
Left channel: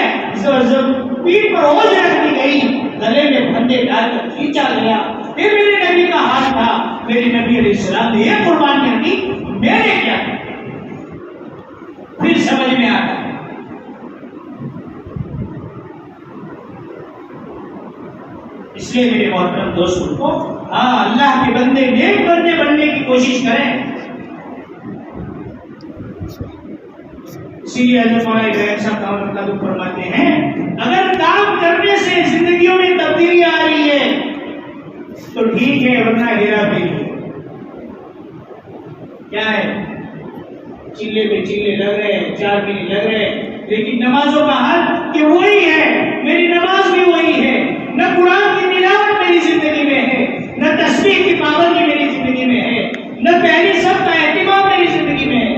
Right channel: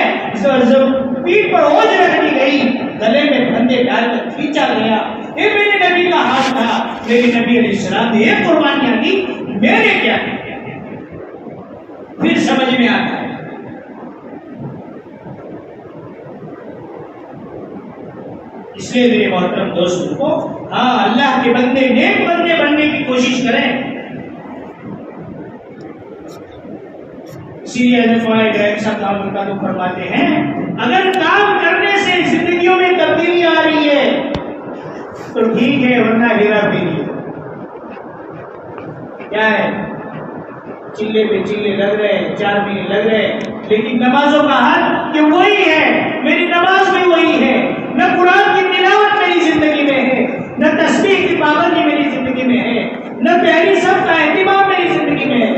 پیٹھ پر اوجھ رکھ دی گئی، گلے میں پھندے ڈال کر کھینچا گیا، پھر میرے نبی کا ہاتھ تھا، میرے نبی علیہ السلام نے یہ قربانیاں کی، میں نے کیا کیا؟ پھر سمجھ میں آتا ہے۔ اس لیے میرے محترم دوستوں کو اللہ کے بندے نیک بندے بننے کی کوشش کریں۔ اسی لیے حضرت مولانا ابراہیم صاحب دامت برکاتہ فرماتے ہیں اگر کام کرنے سے زندگیوں میں تبدیلی آ رہی ہے تو ٹھیک ہے، ورنہ گھیرا پھیری کیا ہے، چلے پہ چلے لگ رہے ہیں، 4 مہینے لگ رہے ہیں، لیکن نمازوں کا حال کہ وہی ہے، میری نماز بھی وہی ہے، نہ قرآن کی تلاوت میری زندگی میں ہے، نہ تسبیح کی پابندی میری زندگی میں ہے، نہ پہلی سب کا اہتمام میری زندگی میں ہے۔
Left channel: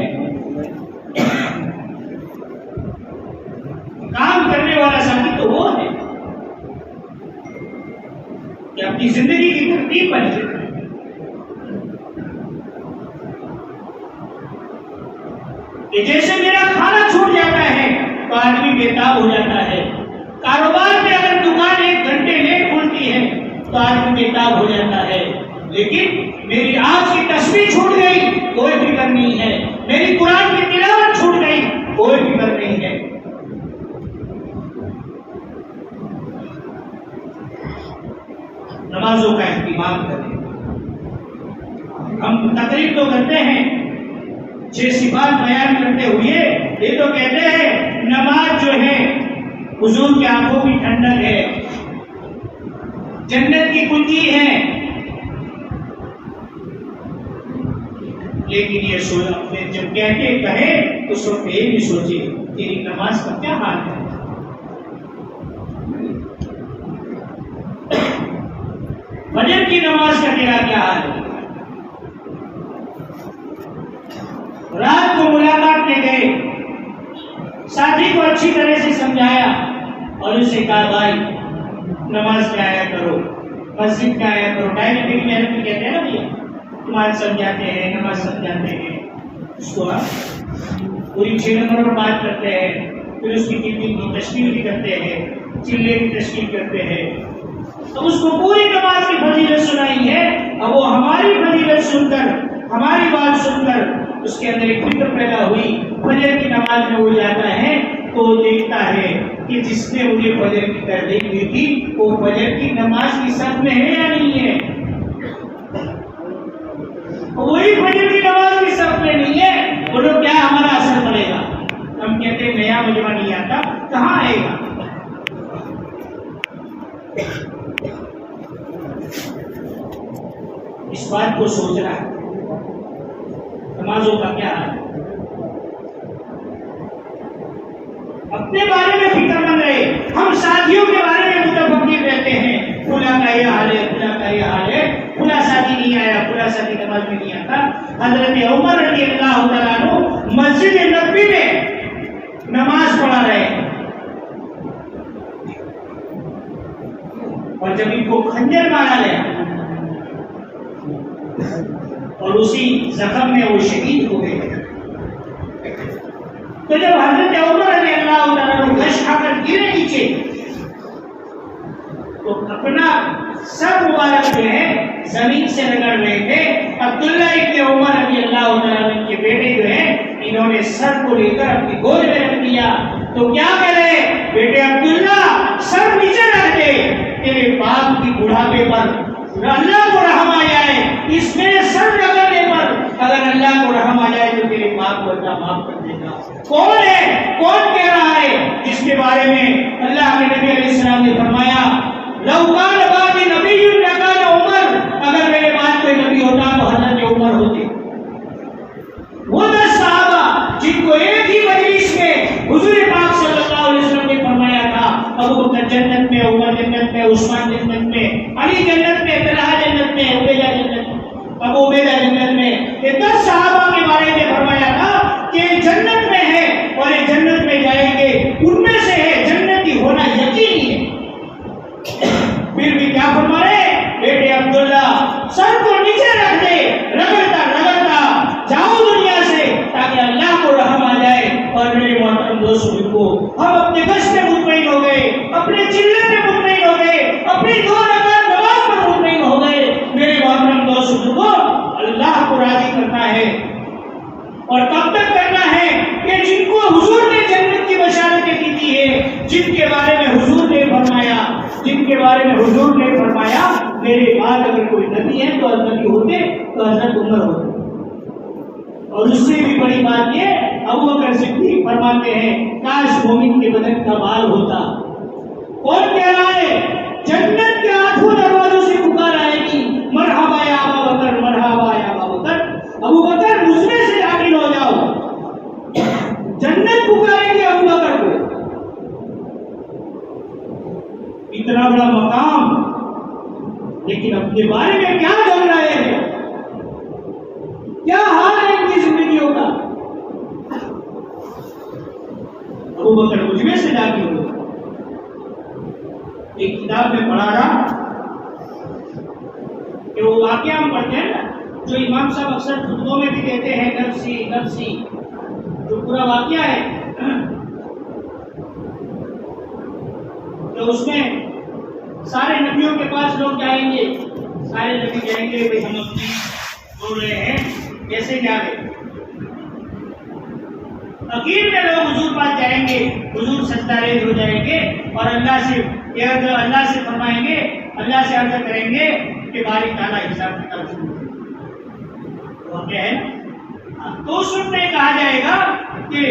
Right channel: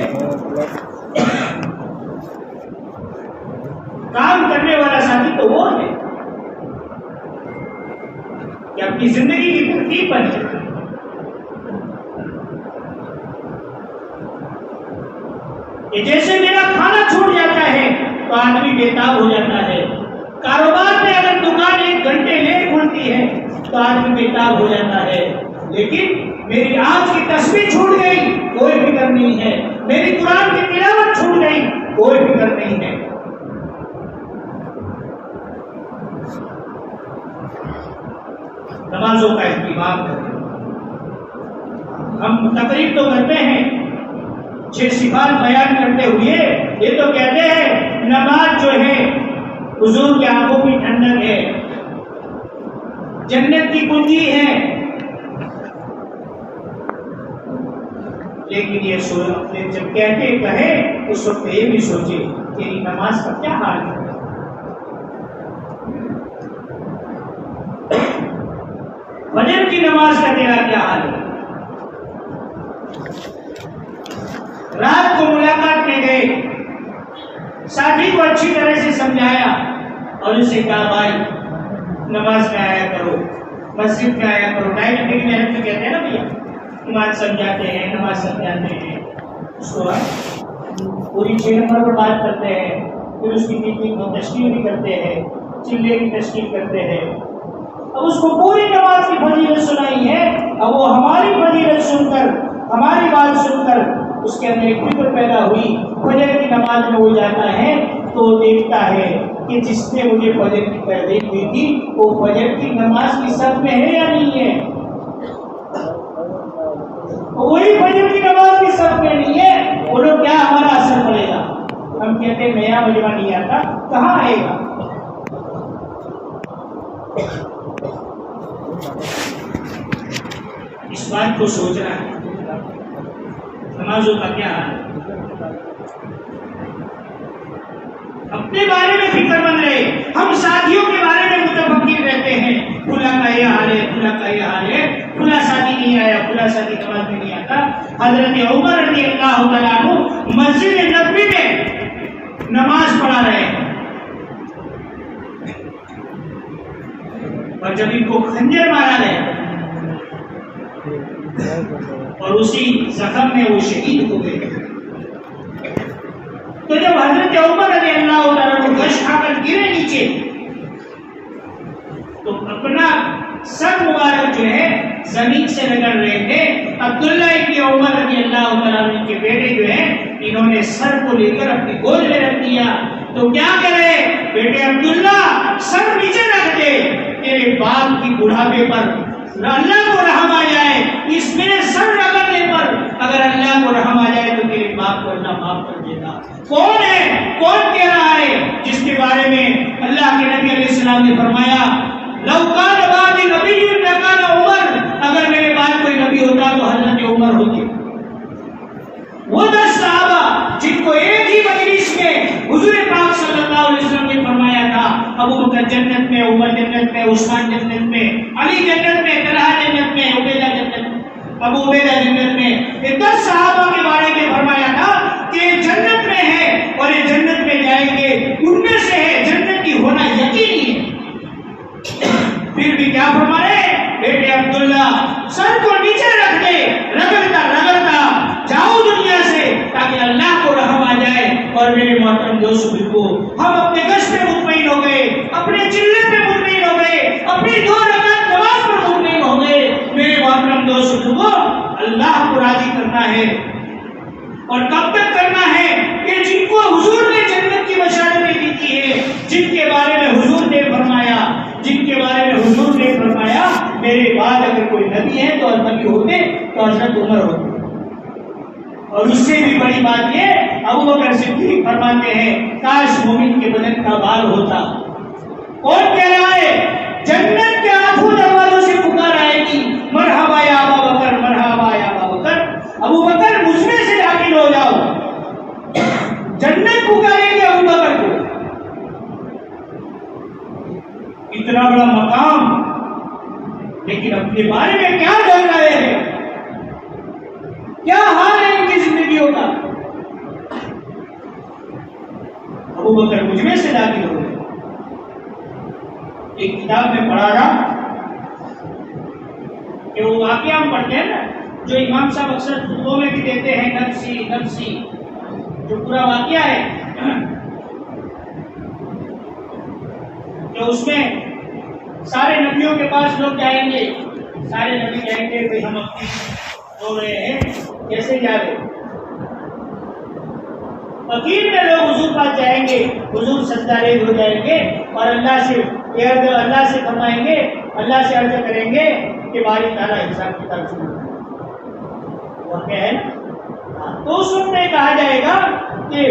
کام کرنے والا ساتھی تو وہ ہے کہ اپنی زندگی کی ترتیب بن جائے۔ جیسے میرا کھانا چھوٹ جاتا ہے تو آدمی بےتاب ہو جاتا ہے، کاروبار میں اگر دکان 1 گھنٹے لیٹ کھلتی ہے تو آدمی بےتاب ہو جاتا ہے، لیکن میری آج کی تسبیح چھوٹ گئی کوئی فکر نہیں ہے، میری قرآن کی تلاوت چھوٹ گئی کوئی فکر نہیں ہے۔ نمازوں کا اہتمام کریں۔ ہم تقریر تو کرتے ہیں 6 صفات بیان کرتے ہوئے، یہ تو کہتے ہیں نماز جو ہے حضور کے آنکھوں کی ٹھنڈک ہے، جنت کی کنجی ہے، لیکن یہ جب کہتے کہے اس وقت یہ بھی سوچے تیری نماز کا کیا حال ہے۔ فجر کی نماز کا تیرا کیا حال ہے؟ رات کو ملاقات میں گئے، ساتھی کو اچھی طرح سے سمجھایا اور اسے کہا بھائی نماز میں آیا کرو، مسجد میں آیا کرو، ٹائم کی محنت بھی کہتے ہیں نا بھیا، نماز سمجھاتے ہیں، نماز سمجھاتے ہیں، اس کو پوری 6 نمبر پر بات کرتے ہیں، پھر اس کی ٹیپنگ کی تشکیل بھی کرتے ہیں، چلے کی تشکیل کرتے ہیں، اب اس کو پوری نماز کی فضیلت سنائی ہے، اب وہ ہماری فضیلت سن کر، ہماری بات سن کر اس کے اندر ایک فکر پیدا ہوئی، فجر کی نماز میں وہ جاتا ہے تو وہ دیکھتا ہے کہ جس نے مجھے فجر کی تحریک ہوئی تھی وہ فجر کی نماز کی صف میں ہے یا نہیں ہے، وہی فجر کی نماز کی صف میں نہیں ہے، وہ لوگ کیا ہمارا اثر پڑے گا؟ ہم کہتے ہیں نیا مجمع نہیں آتا، کہاں آئے گا؟ اس بات کو سوچنا ہے، نمازوں کا کیا حال ہے؟ اپنے بارے میں فکر مند رہے، ہم ساتھیوں کے بارے میں متفکر رہتے ہیں، فلاں کا یہ حال ہے، فلاں کا یہ حال ہے، فلاں ساتھی نہیں آیا، فلاں ساتھی نماز میں نہیں آتا۔ حضرت عمر رضی اللہ تعالیٰ عنہ مسجد نبوی میں نماز پڑھا رہے ہیں، اور جب ان کو خنجر مارا گیا اور اسی زخم میں وہ شہید ہو گئے، تو جب حضرت عمر رضی اللہ تعالیٰ عنہ گش کھا کر گرے نیچے تو اپنا سر مبارک جو ہے زمین سے رگڑ رہے تھے. عبداللہ ابن عمر رضی اللہ تعالیٰ عنہ کے بیٹے جو ہیں انہوں نے سر کو لے کر اپنی گود میں رکھ دیا. تو کیا کرے بیٹے عبداللہ سر نیچے رکھ دے, تیرے باپ کی بڑھاپے پر اللہ کو رحم آ جائے, اس میرے سر رگڑنے پر اگر اللہ کو رحم آ جائے تو تیرے باپ کو اللہ معاف کر دے گا. کون ہے, کون کہہ رہا ہے جس کے بارے میں اللہ کے نبی علیہ السلام نے فرمایا لو کان بعد نبی لکان عمر, اگر میرے بعد کوئی نبی ہوتا تو حضرت عمر ہوتے. وہ 10 صحابہ جن کو ایک ہی مجلس میں حضور پاک صلی اللہ علیہ وسلم نے فرمایا تھا ابو بکر جنت میں, عمر جنت میں, عثمان جنت میں, علی جنت میں, طلحہ جنت میں, عبیدہ جنت میں, ابو عبیدہ جنت میں, یہ 10 صحابہ کے بارے میں فرمایا تھا کہ جنت میں ہے اور یہ جنت میں جائیں گے, ان میں سے ہے, جنتی ہونا یقینی ہے. پھر بھی کیا فرما رہے بیٹے عبداللہ سر کو نیچے رکھ دے, رگڑتا رگڑتا جاؤ دنیا سے تاکہ اللہ کو رحم آ جائے. اور میرے محترم دوستوں کو ہم اپنے گشت میں مطمئن ہو گئے, اپنے چلت میں مطمئن ہو گئے, اپنی 2 رکعت نماز پر مطمئن ہو گئے. میرے محترم دوستوں کو اللہ کو راضی کرنا ہے اور کب تک کرنا ہے کہ جن کو حضور نے جنت کی بشارتیں دی تھی ہے, جن کے بارے میں حضور نے فرمایا, جن کے بارے میں حضور نے فرمایا میرے بعد اگر کوئی نبی ہے تو نبی ہوتے تو حضرت عمر ہوتے. اور اس سے بھی بڑی بات یہ ابو بکر صدیق فرماتے ہیں کاش مومن کے بدن کا بال ہوتا. کون کہہ رہا ہے جنت کے آنکھوں دروازوں سے پکار آئے گی مرحبا یا ابو بکر, مرحبا یا ابو بکر, ابو بکر مجھ میں سے داخل ہو جاؤ. جنت پکارے گی ابو بکر کو. اتنا بڑا مقام, لیکن اپنے بارے میں کیا ڈر رہے ہیں, کیا حال ہے ان کی زندگیوں کا. ابو بکر مجھ میں سے داخل ہو گئے. ایک کتاب میں پڑھا رہا کہ وہ واقعہ ہم پڑھتے ہیں نا جو امام صاحب اکثر خطبوں میں بھی دیتے ہیں, نفسی نفسی, جو پورا واقعہ ہے کہ اس میں سارے نبیوں کے پاس لوگ جائیں گے, سارے نبی جائیں گے بھائی ہم اپنی ہو رہے ہیں کیسے جا رہے. اخیر میں لوگ حضور پاس جائیں گے, حضور سجدہ ریز ہو جائیں گے اور اللہ سے فرمائیں گے, اللہ سے عرض کریں گے کہ باری تعالیٰ حساب کتاب شروع وہ کیا ہے. تو اس وقت میں کہا جائے گا کہ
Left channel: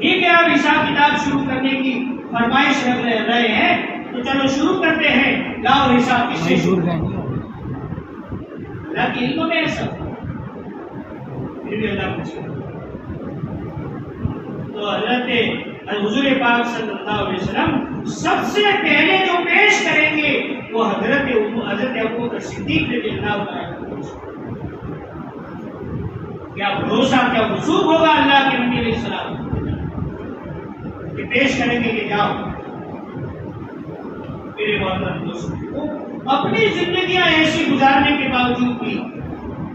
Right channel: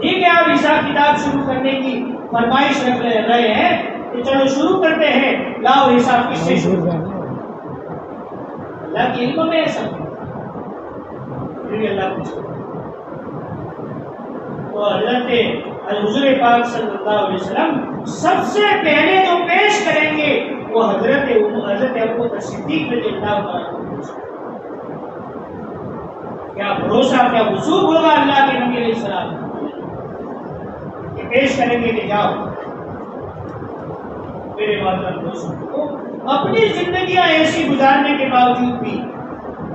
ٹھیک ہے آپ حساب کتاب شروع کرنے کی فرمائش رکھ رہے ہیں تو چلو شروع کرتے ہیں, لاؤ حساب کس سے شروع کریں. اللہ کی علم میں ایسا پھر بھی اللہ پوچھے تو حضرت حضور پاک صلی اللہ علیہ وسلم سب سے پہلے جو پیش کریں گے وہ حضرت ابو بکر صدیق رضی اللہ عنہ. کیا بھروسہ, کیا وثوق ہوگا اللہ کے نبی علیہ السلام کہ پیش کریں گے کہ جاؤ. میرے محترم دوستوں کو اپنی زندگیاں ایسی گزارنے کے باوجود بھی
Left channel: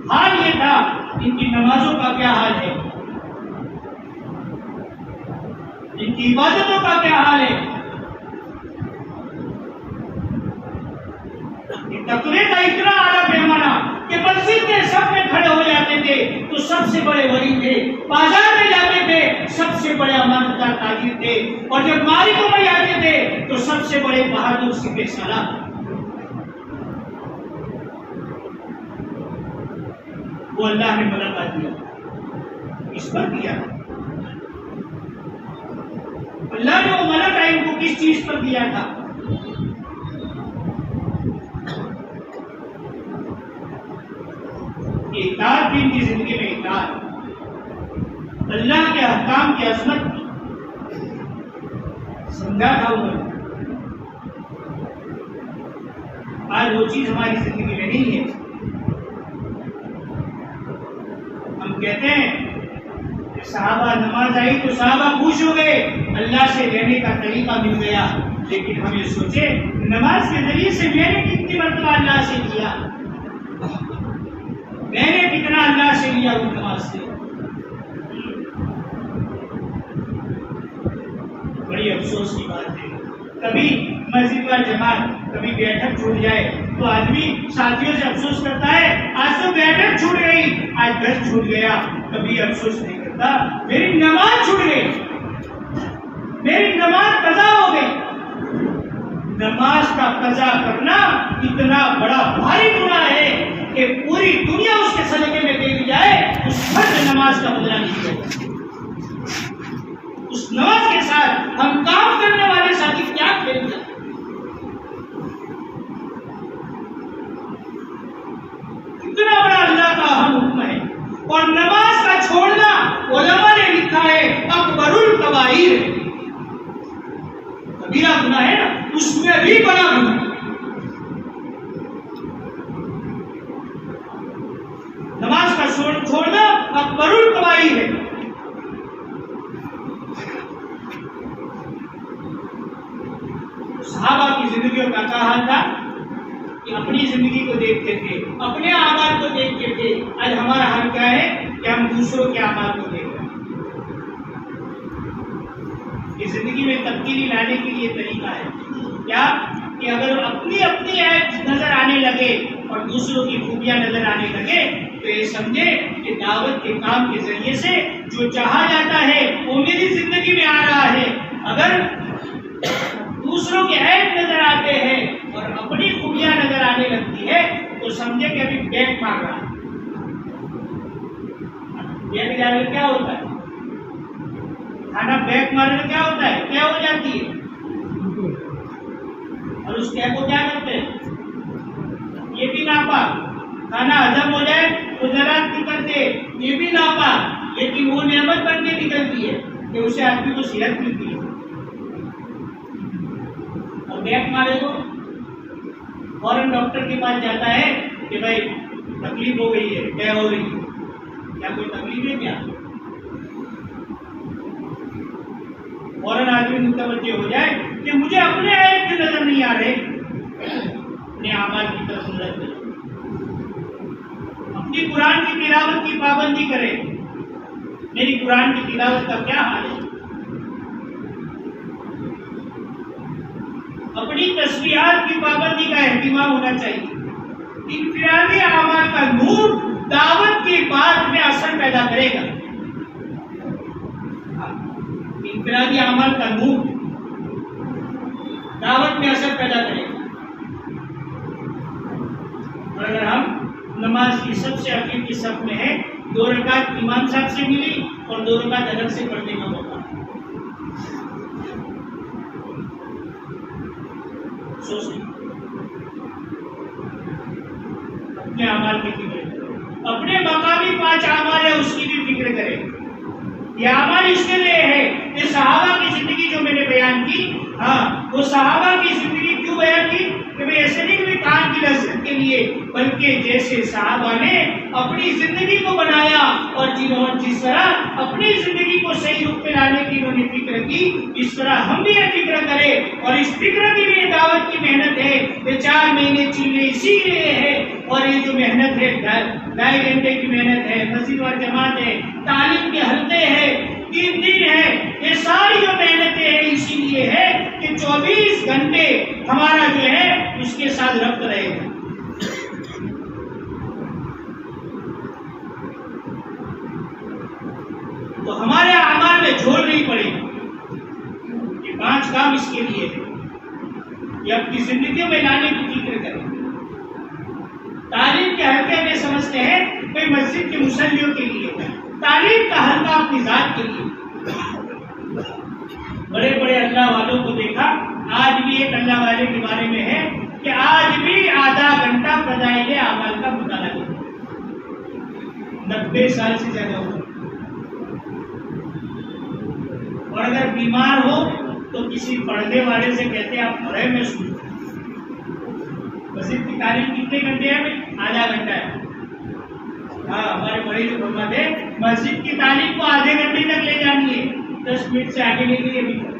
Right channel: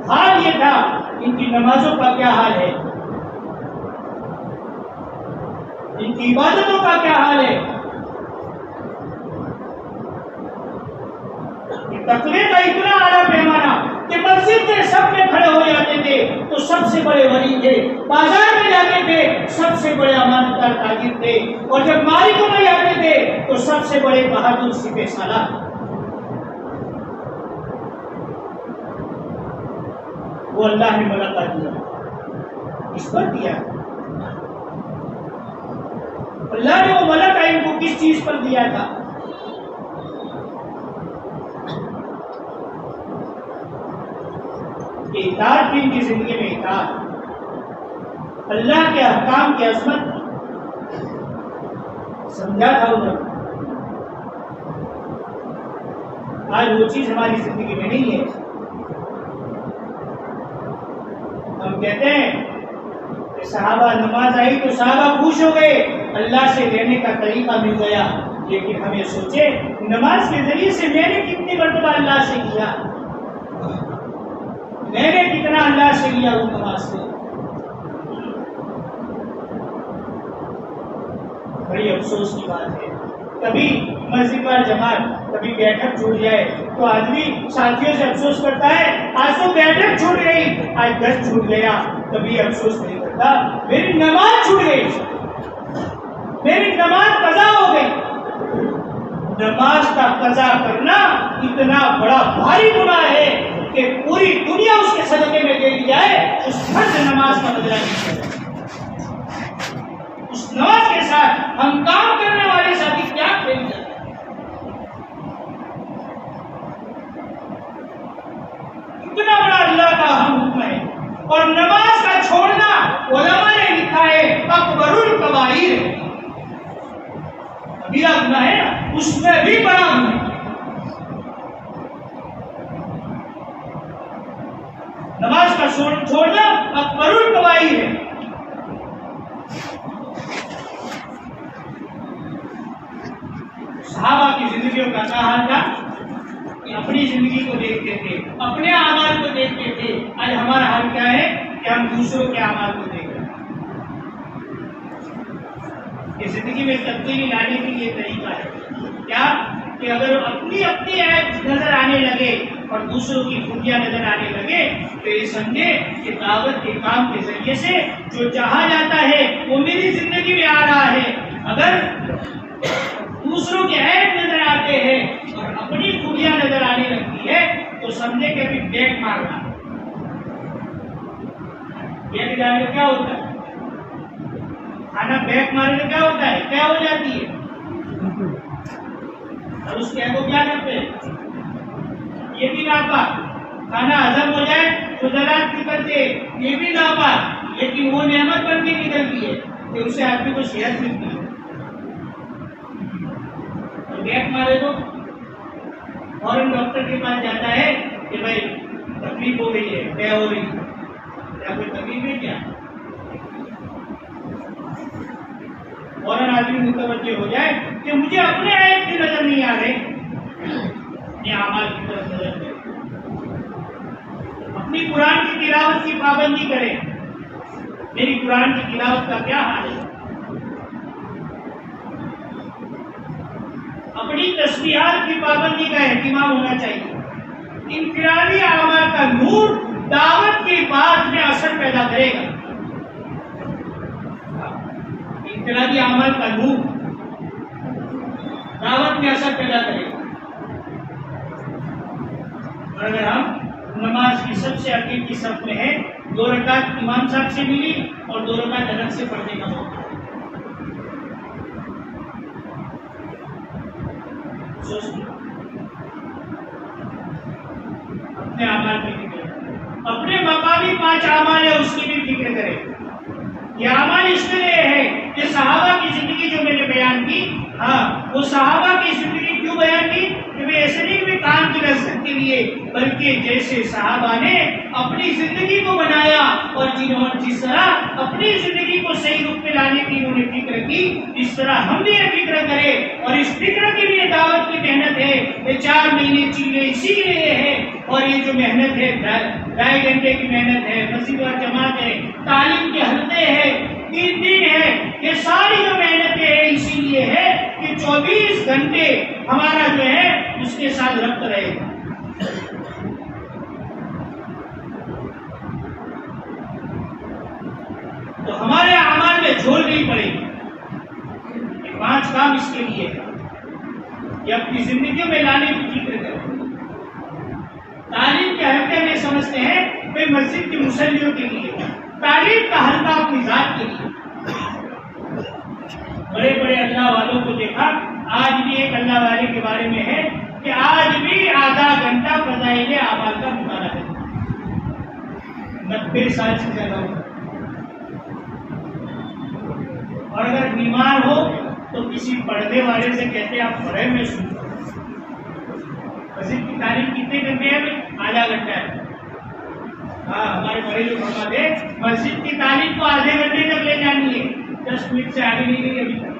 حال یہ تھا ان کی نمازوں کا کیا حال ہے, ان کی عبادتوں کا کیا حال ہے. تقوی کا اتنا اعلیٰ پیمانہ کہ مسجد کے سب میں کھڑے ہو جاتے تھے تو سب سے بڑے ولی تھے, بازار میں جاتے تھے سب سے بڑے امانتدار تاجر تھے, اور جب مالکوں میں جاتے تھے تو سب سے بڑے بہادر سپہ سالار. وہ اللہ نے ملکہ دیا, اس پر دیا اللہ نے. وہ ملکہ ان کو کس چیز پر دیا تھا؟ اطاعت تھی ان کی زندگی میں, اطاعت, اللہ کے احکام کی عظمت سمجھا تھا انہوں نے. آج وہ چیز ہماری زندگی میں نہیں ہے. ہم کہتے ہیں کہ صحابہ نماز آئی تو صحابہ خوش ہو گئے, اللہ سے لینے کا طریقہ مل گیا. لیکن ہم یہ سوچے نماز کے ذریعے سے میں نے کتنی مرتبہ اللہ سے لیا, میں نے کتنا اللہ سے لیا اس نماز سے. بڑی افسوس کی بات ہے کبھی مسجد وال جماعت، کبھی بیٹھک چھوٹ جائے تو آدمی ساتھیوں سے افسوس کرتا ہے آج تو بیٹھک چھوٹ گئی، آج گھر چھوٹ گیا، کبھی افسوس نہیں کرتا میری نماز چھوٹ گئی، میری نماز قضا ہو گئی۔ نماز کا قضا کرنا اتنا بڑا بھاری گناہ ہے کہ پوری دنیا اس کے صدقے میں دے دی جائے، اس فرض نماز کا بدلہ نہیں کیا جائے۔ اس نماز کے ساتھ ہم کام کرنے والے ساتھی کیا کھیل جاتے ہیں۔ اتنا بڑا اللہ کا حکم ہے، اور نماز کا چھوڑنا علماء نے لکھا ہے اکبر الکبائر، کبیرہ گناہ ہے نا، اس میں بھی بڑا گناہ۔ نماز کا چھوڑنا اکبر الکبائر ہے۔ صحابہ کی زندگیوں کا کیا حال تھا کہ اپنی زندگی کو دیکھتے تھے، اپنے اعمال کو دیکھتے تھے۔ آج ہمارا حال کیا ہے کہ ہم دوسروں کے اعمال کو دیکھ رہے ہیں۔ یہ زندگی میں تبدیلی لانے کے لیے طریقہ ہے کیا کہ اگر اپنی عیب نظر آنے لگے اور دوسروں کی خوبیاں نظر آنے لگے تو یہ سمجھے کہ دعوت کے کام کے ذریعے سے جو چاہا جاتا ہے وہ میری زندگی میں آ رہا ہے۔ اگر دوسروں کے عیب نظر آتے ہیں اور اپنی خوبیاں نظر آنے لگتی ہے تو سمجھے کہ ابھی بیک مار رہا ہے۔ بیک جانے کیا ہوتا ہے؟ کھانا بیک مارنے کیا ہوتا ہے؟ کیا ہو جاتی ہے؟ اور اس کیا کو کیا کرتے ہیں؟ یہ بھی ناپاک، کھانا ہضم ہو جائے تو زراعت نکلتے، یہ بھی ناپاک، لیکن وہ نعمت بن کے نکلتی ہے کہ اسے آدمی کو صحت ملتی ہے۔ اور بیک مارے تو فوراً ڈاکٹر کے پاس جاتا ہے کہ بھائی تکلیف ہو گئی ہے، کیا ہو رہی ہے، کیا کوئی تکلیف ہے کیا؟ فوراً آدمی متوجہ ہو جائے کہ مجھے اپنے عیب کی نظر نہیں آ رہے، اپنے اعمال کی طرف نظر دے، اپنی قرآن کی تلاوت کی پابندی کرے۔ میری قرآن کی تلاوت کا کیا حال ہے؟ اپنی تسبیحات کی پابندی کا اہتمام ہونا چاہیے۔ انفرادی اعمال کا نور دعوت کی بات میں اثر پیدا کرے گا۔ انفرادی اعمال کا نور دعوت میں اثر پیدا کرے گا۔ اور اگر ہم نماز کی سب سے آخر کی صف میں ہے، 2 رکعت امام صاحب سے ملی اور 2 رکعت الگ سے پڑھنے کا موقع، اپنے اعمال کی فکر کرے، اپنے مقامی 5 اعمال ہے اس کی بھی فکر کرے۔ یہ اعمال اس کے لیے ہے کہ صحابہ کی زندگی جو میں نے بیان کی، وہ صحابہ کی زندگی کیوں بیان کی کہ میں ایسے نہیں کہ کان کی لذت کے لیے، بلکہ جیسے صحابہ نے اپنی زندگی کو بنایا اور جس طرح اپنی زندگی کو صحیح رخ پہ لانے کی انہوں نے فکر کی، اس طرح ہم بھی یہ فکر کریں۔ اور اس فکر کے لیے دعوت کی محنت ہے، یہ 4 مہینے چلے اسی لیے ہے، اور یہ جو محنت ہے 2.5 گھنٹے کی محنت ہے، مسجد و جماعت ہے، تعلیم کے حلقے ہیں، 3 دن ہے، یہ ساری جو محنتیں ہیں اسی لیے ہے کہ 24 گھنٹے ہمارا جو ہے اس کے ساتھ ربط رہے گا۔ تو ہمارے اعمال میں جھول نہیں پڑے گی۔ یہ 5 کام اس کے لیے ہے، یہ اپنی زندگیوں میں لانے کی فکر کریں۔ تعلیم کے حلقے میں سمجھتے ہیں کہ مسجد کے مصلیوں کے لیے، تعلیم کا حلقہ اپنی ذات کے لیے۔ بڑے بڑے اللہ والوں کو دیکھا، آج بھی ایک اللہ والے کے بارے میں ہے کہ آج بھی آدھا گھنٹہ فضائل اعمال کا مطالعہ کرتا ہے، 90 سال سے زیادہ ہو۔ اور اگر بیمار ہو تو کسی پڑھنے والے سے کہتے ہیں آپ پڑھے میں سنو۔ مسجد کی تعلیم کتنے گھنٹے ہیں؟ آدھا گھنٹہ ہے۔ ہمارے بڑے جو فرماتے ہیں مسجد کی تعلیم کو آدھے گھنٹے تک لے جانی ہے، 10 منٹ سے آگے نہیں گئی ابھی تک،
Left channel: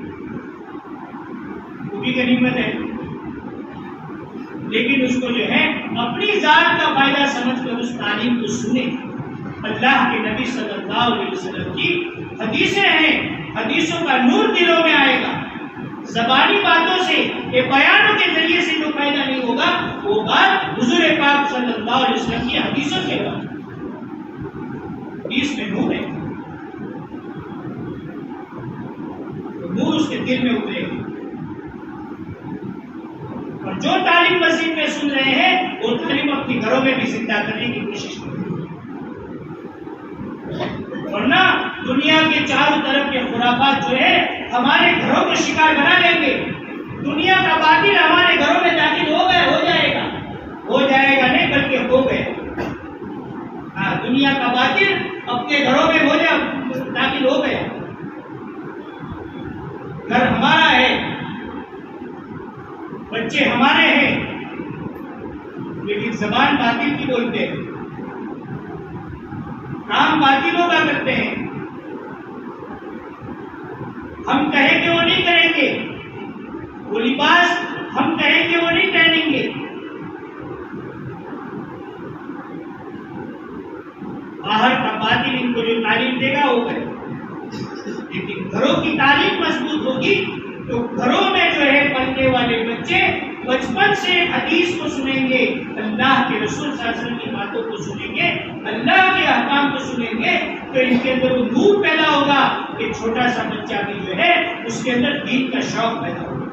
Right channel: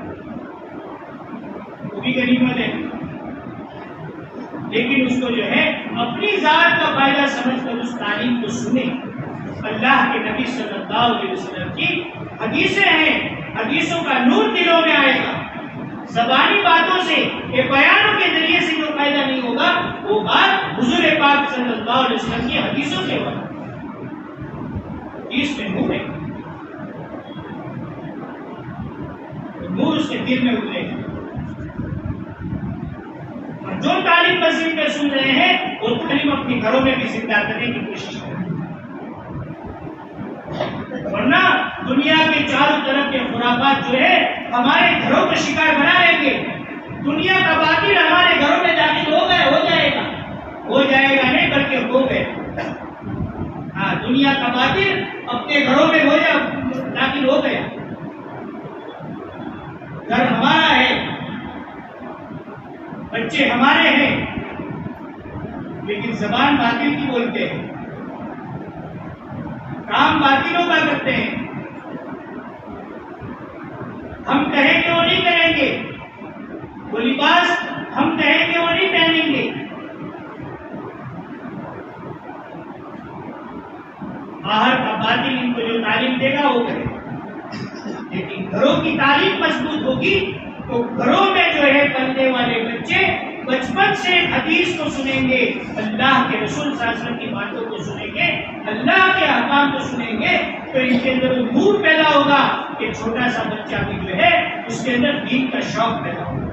وہ بھی غنیمت ہے۔ لیکن اس کو جو ہے اپنی ذات کا فائدہ سمجھ کر اس تعلیم کو سنیں۔ اللہ کے نبی صلی اللہ علیہ وسلم کی حدیثیں ہیں، حدیثوں کا نور دلوں میں آئے گا، زبانی باتوں سے، کہ بیانوں کے ذریعے سے جو فائدہ نہیں ہوگا، وہ بات حضور پاک صلی اللہ علیہ وسلم کی حدیثوں کے بعد، حدیث میں نور ہے، نور اس کے دل میں اترے گا. اور جو تعلیم مسجد میں سن رہے ہیں وہ تعلیم اپنی گھروں میں بھی زندہ کرنے کی کوشش کریں، ورنہ دنیا کے چاروں طرف کے خرافات جو ہے ہمارے گھروں کو شکار بنا لیں گے. دنیا کا باطل ہمارے گھروں میں داخل ہو جائے گا نہیں بلکہ ہو گیا. ہاں، دنیا کا باطل اپنے گھروں میں داخل ہو گیا. گھر ہمارا ہے، بچے ہمارے ہیں، لیکن زبان باطل کی بولتے ہیں، کام باطلوں کا کرتے ہیں. ہم کہیں گے وہ نہیں کریں گے، وہ لباس ہم کہیں گے وہ نہیں پہنیں گے. باہر کا باطل ان کو جو تعلیم دے گا وہ کرے گا، لیکن گھروں کی تعلیم مضبوط ہوگی تو گھروں میں جو ہے پلنے والے بچے بچپن سے حدیث کو سنیں گے، اللہ کے رسول صلی اللہ علیہ وسلم کی باتوں کو سنیں گے، اللہ کے احکام کو سنیں گے، تو ان کے اندر وہ نور پیدا ہوگا کہ چھوٹا سا بچہ بھی جو ہے اس کے اندر دین کا شوق پیدا ہوگا.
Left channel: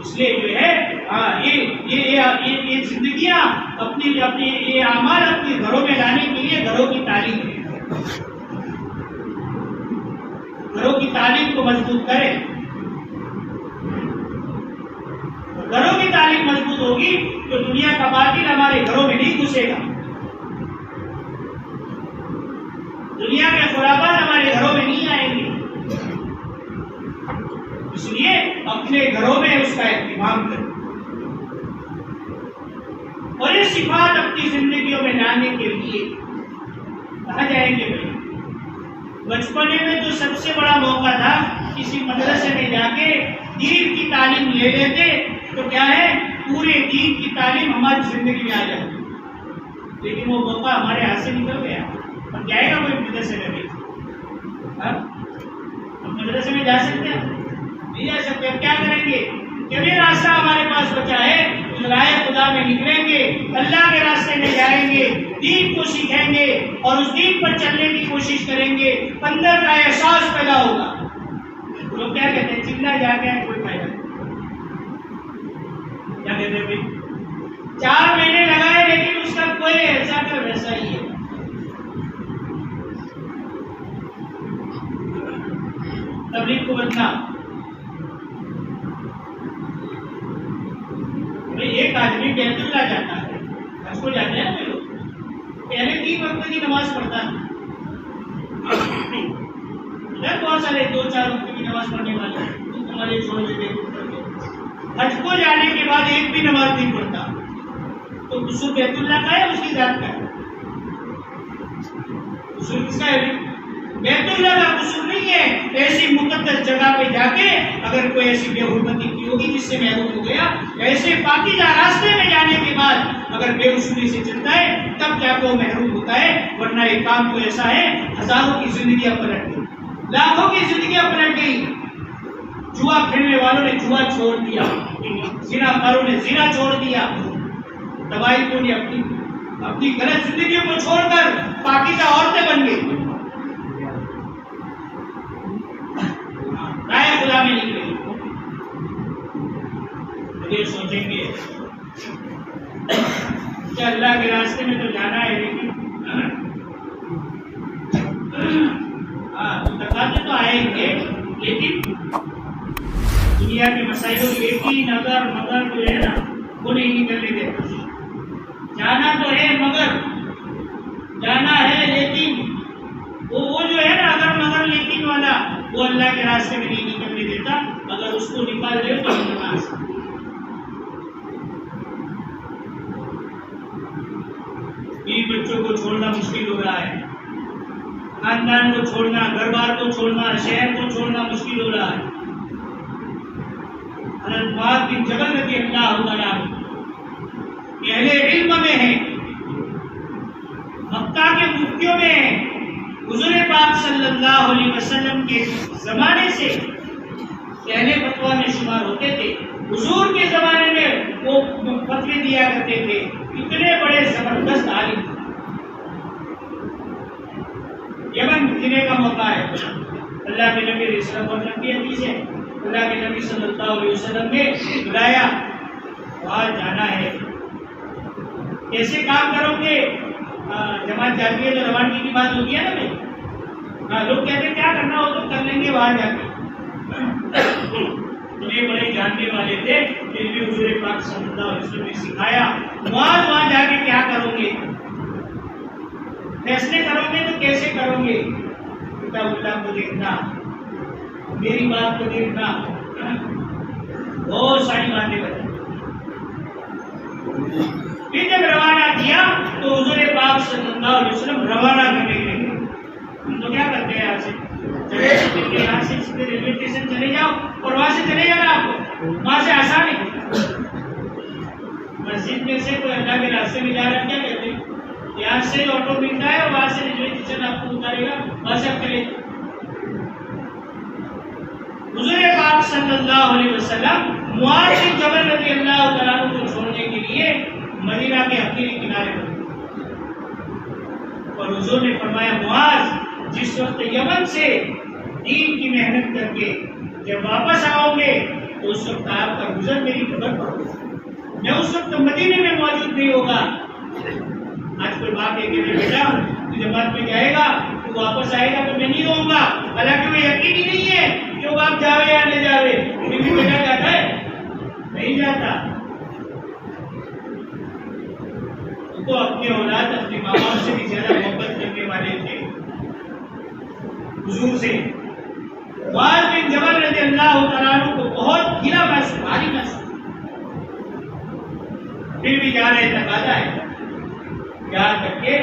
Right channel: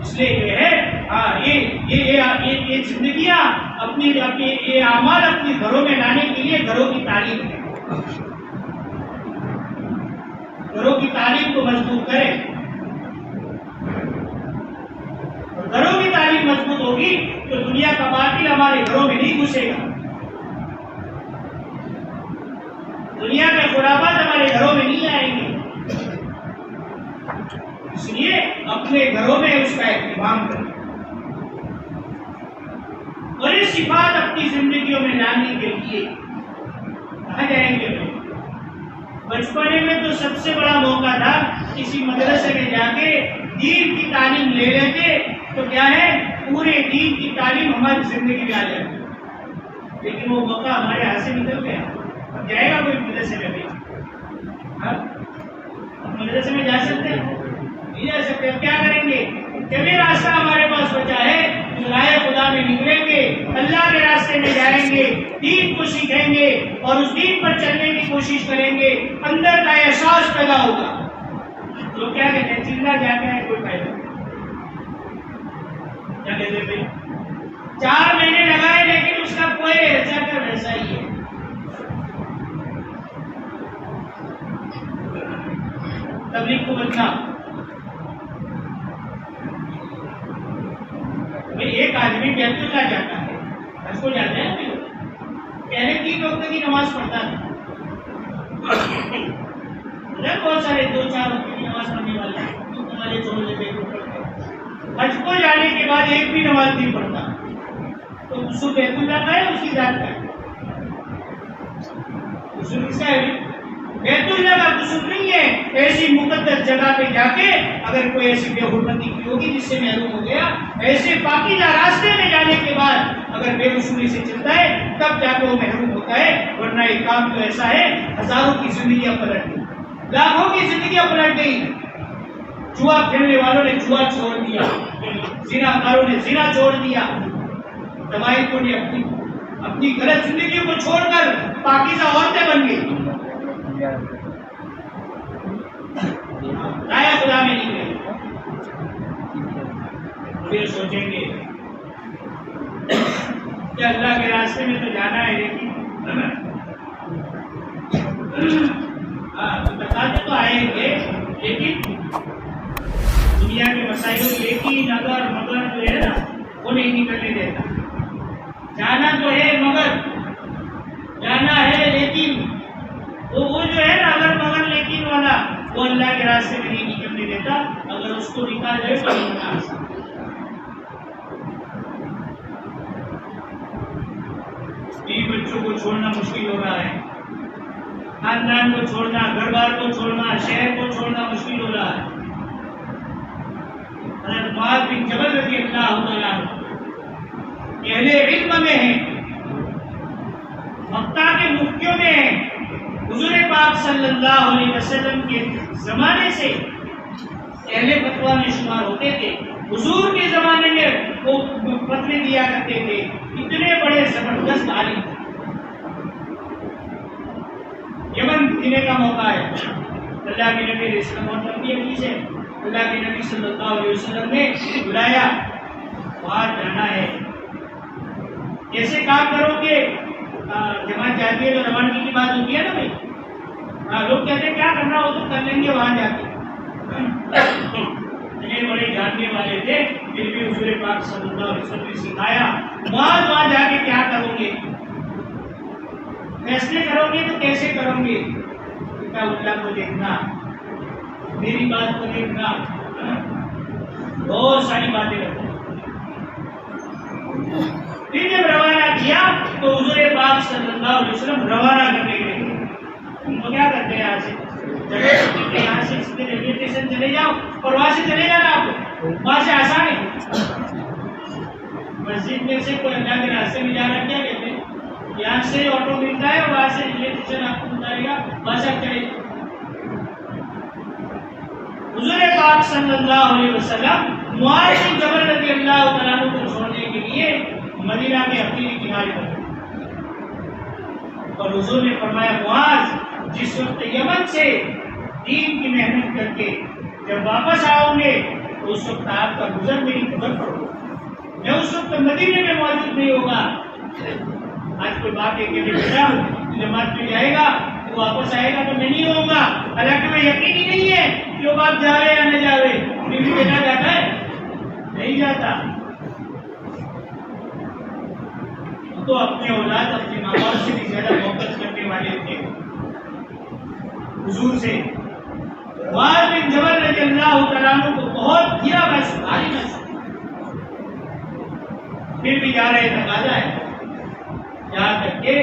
اس لیے جو ہے یہ زندگیاں اپنی یہ اعمال اپنے گھروں میں لانے کے لیے گھروں کی تعلیم ہے. گھروں کی تعلیم کو مضبوط کریں. گھروں کی تعلیم مضبوط ہوگی تو دنیا کا باطل ہمارے گھروں میں نہیں گھسے گا، دنیا میں خرافات ہمارے گھروں میں نہیں آئیں گے. اس لیے اپنے گھروں میں اس کا اہتمام کریں اور یہ صفات اپنی زندگیوں میں لانے کے لیے کہاں جائیں گے. بچپنے میں تو سب سے بڑا موقع تھا کسی مدرسے میں جا کے دین کی تعلیم لے لیتے تو کیا ہے پورے دین کی تعلیم ہماری زندگی میں آ جاتی. لیکن وہ موقع ہمارے ہاتھ سے نکل گیا. اب جائے گا کوئی مدرسے میں بھی؟ ہم مدرسے میں جا سکتے ہیں؟ نہیں جا سکتے. اب کیا کریں گے؟ جب یہ راستہ ہمارے پاس بچا ہے تو رائے خدا میں نکلیں گے، اللہ کے راستے میں جائیں گے، دین کو سیکھیں گے اور اس دین پر چلنے کی کوشش کریں گے. اندر کا احساس پیدا ہوگا. لوگ کیا کہتے ہیں چلنا جا کے کوئی فائدہ کیا کہتے تھے 4 مہینے لگائے لیکن اس کا کوئی ایسا کہ ویسا ہی ہے. تبلیغ کو بدلا. ایک آدمی بیت اللہ جاتا ہے، اس کو جاتے ہیں لوگ پہلے 3 وقت کی نماز پڑھتا ہے. ادھر بہت سارے 2-4 وقت کی نماز پڑھنے والے چھوڑ دیتے. حج کو جانے کے بعد ایک بھی نماز نہیں پڑھتا تو غسل بیت اللہ کا ہے اس کی ذات کا ہے. غسل کس کا ہے؟ بیت اللہ کا غسل نہیں ہے. ایسی مقدس جگہ پہ جا کے اگر کوئی ایسی بے حرمتی کی ہوگی جس سے محروم ہو گیا، ایسے پاکیزہ راستے میں جانے کے بعد اگر بے غسلی سے چلتا ہے تب جا کے وہ محروم ہوتا ہے. ورنہ ایک کام تو ایسا ہے ہزاروں کی زندگیاں پلٹ گئی، لاکھوں کی زندگیاں پلٹ گئی. جوا کھیلنے والوں نے جوا چھوڑ دیا، زنا کاروں نے زنا چھوڑ دیا، دوائی کو نے اپنی غلط زندگیوں کو چھوڑ کر پاکیزہ عورتیں بن گئی. رائے خدا میں نکلے. یہ سوچیں گے کہ اللہ کے راستے میں تو جانا ہے لیکن تقاضے تو آئیں گے لیکن دنیا کے مسائل لیکن اگر مگر جو ہے نا وہ نہیں نکلنے دیتا. جانا تو ہے مگر جانا ہے لیکن وہ جو ہے نا اگر مگر لیکن والا وہ اللہ کے راستے میں نہیں نکلنے دیتا. اگر اس کو نکال دے تو نکلنا آسان. بیوی بچوں کو چھوڑنا مشکل ہو رہا ہے، خاندان کو چھوڑنا، گھر بار کو چھوڑنا، شہر کو چھوڑنا مشکل ہو رہا ہے. حضرت معاذ بن جبل رضی اللہ عنہ اہل علم میں ہیں، مکہ کے مفتیوں میں ہیں، حضور وسلم کے زمانے سے پہلے فتویٰ میں شمار ہوتے تھے. حضور کے زمانے میں وہ فتوے دیا کرتے تھے. اتنے بڑے زبردست عالم. یمن جانے کا موقع ہے. اللہ کے نبی علیہ السلام اور نبی حدیث ہے اللہ کے نبی صلی اللہ علیہ وسلم نے بلایا وہاں جانا ہے. کیسے کام کرو گے؟ جماعت جاتی ہے تو روانگی کی بات ہوتی ہے نا بھائی. لوگ کہتے ہیں کیا کرنا ہو تو کر لیں گے وہاں جا کے. اتنے بڑے جاننے والے تھے پھر بھی حضور پاک صلی اللہ علیہ وسلم نے سکھایا وہاں جا کے کیا کرو گے. فیصلے کرو گے تو کیسے کرو گے؟ کتاب اللہ کو دیکھنا, میری بات کو دیکھنا, بہت ساری باتیں کرتے. پھر جب روانہ کیا تو حضور پاک صلی اللہ علیہ وسلم روانہ کرنے کے لیے. ہم تو کیا کرتے ہیں یہاں سے سیدھے ریلوے اسٹیشن چلے جاؤ اور وہاں سے چلے جانا. آپ کو وہاں سے آسان ہے. مسجد میں سے کوئی اللہ کے راستے میں جا رہا کیا کہتے ہیں یہاں سے آٹو ملتا ہے اور وہاں سے ریلوے اسٹیشن آپ کو اتارے گا وہاں سے آپ چلے. حضور پاک صلی اللہ علیہ وسلم معاذ بن جبل رضی اللہ تعالیٰ عنہ کو چھوڑنے کے لیے مدینہ کے اخیری کنارے پر اور حضور نے فرمایا معاذ جس وقت یمن سے دین کی محنت کر کے جب واپس آؤ گے تو اس وقت آپ کا گزر میری خبر پڑو. میں اس وقت مدینے میں موجود نہیں ہوگا. آج کوئی بات ہے کہ بیٹا جماعت میں جائے گا تو واپس آئے گا تو میں نہیں ہوں گا. حالانکہ میں یقین ہی نہیں ہے کہ وہ بات جاوے یا نہ جاوے. لیکن بیٹا جاتا ہے نہیں جاتا. تو اپنے اولاد اپنے ماں باپ سے بھی زیادہ محبت کرنے والے تھے حضور سے. معاذ بن جبل رضی اللہ تعالیٰ عنہ کو بہت گھیرا محسوس بھاری محسوس پھر بھی جا رہے تقاضا ہے. یہاں تک کہ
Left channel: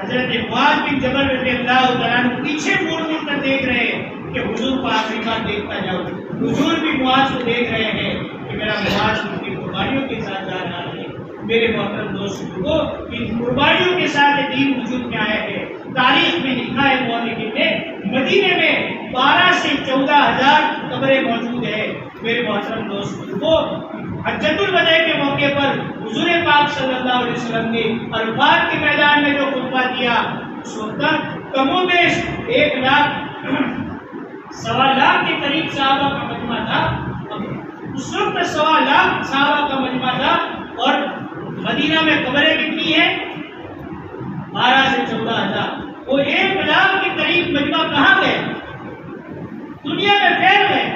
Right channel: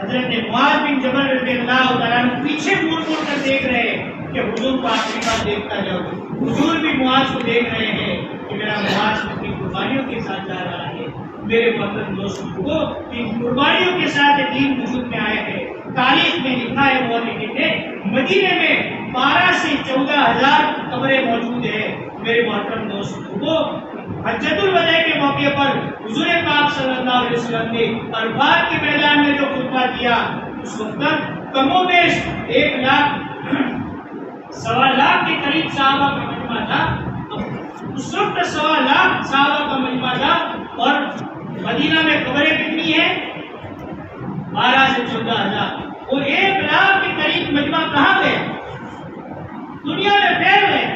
حضرت معاذ بن جبل رضی اللہ تعالیٰ عنہ پیچھے مڑ کر دیکھ رہے ہیں کہ حضور کو آخری بار دیکھتا جاؤ. حضور بھی معاذ کو دیکھ رہے ہیں کہ میرا معاذ اپنی قربانیوں کے ساتھ جا رہا ہے. میرے محترم دوستوں کو ان قربانیوں کے ساتھ دین وجود میں آیا ہے. تاریخ میں لکھا ہے مولوی نے مدینے میں 12 سے 14,000 قبریں موجود ہیں. میرے محترم دوستوں کو حجۃ الوداع کے موقع پر حضور پاک صلی اللہ علیہ وسلم نے عرفات کے میدان میں جو خطبہ دیا اس وقت کم و بیش 1 لاکھ سوا لاکھ کے قریب صحابہ کا مجمع تھا. اس وقت 1.25 لاکھ صحابہ کا مجمع تھا اور مدینہ میں قبریں کتنی ہیں 12 سے 14,000. وہ 1 لاکھ کے قریب مجمع کہاں گئے؟ دنیا میں پھیل گئے.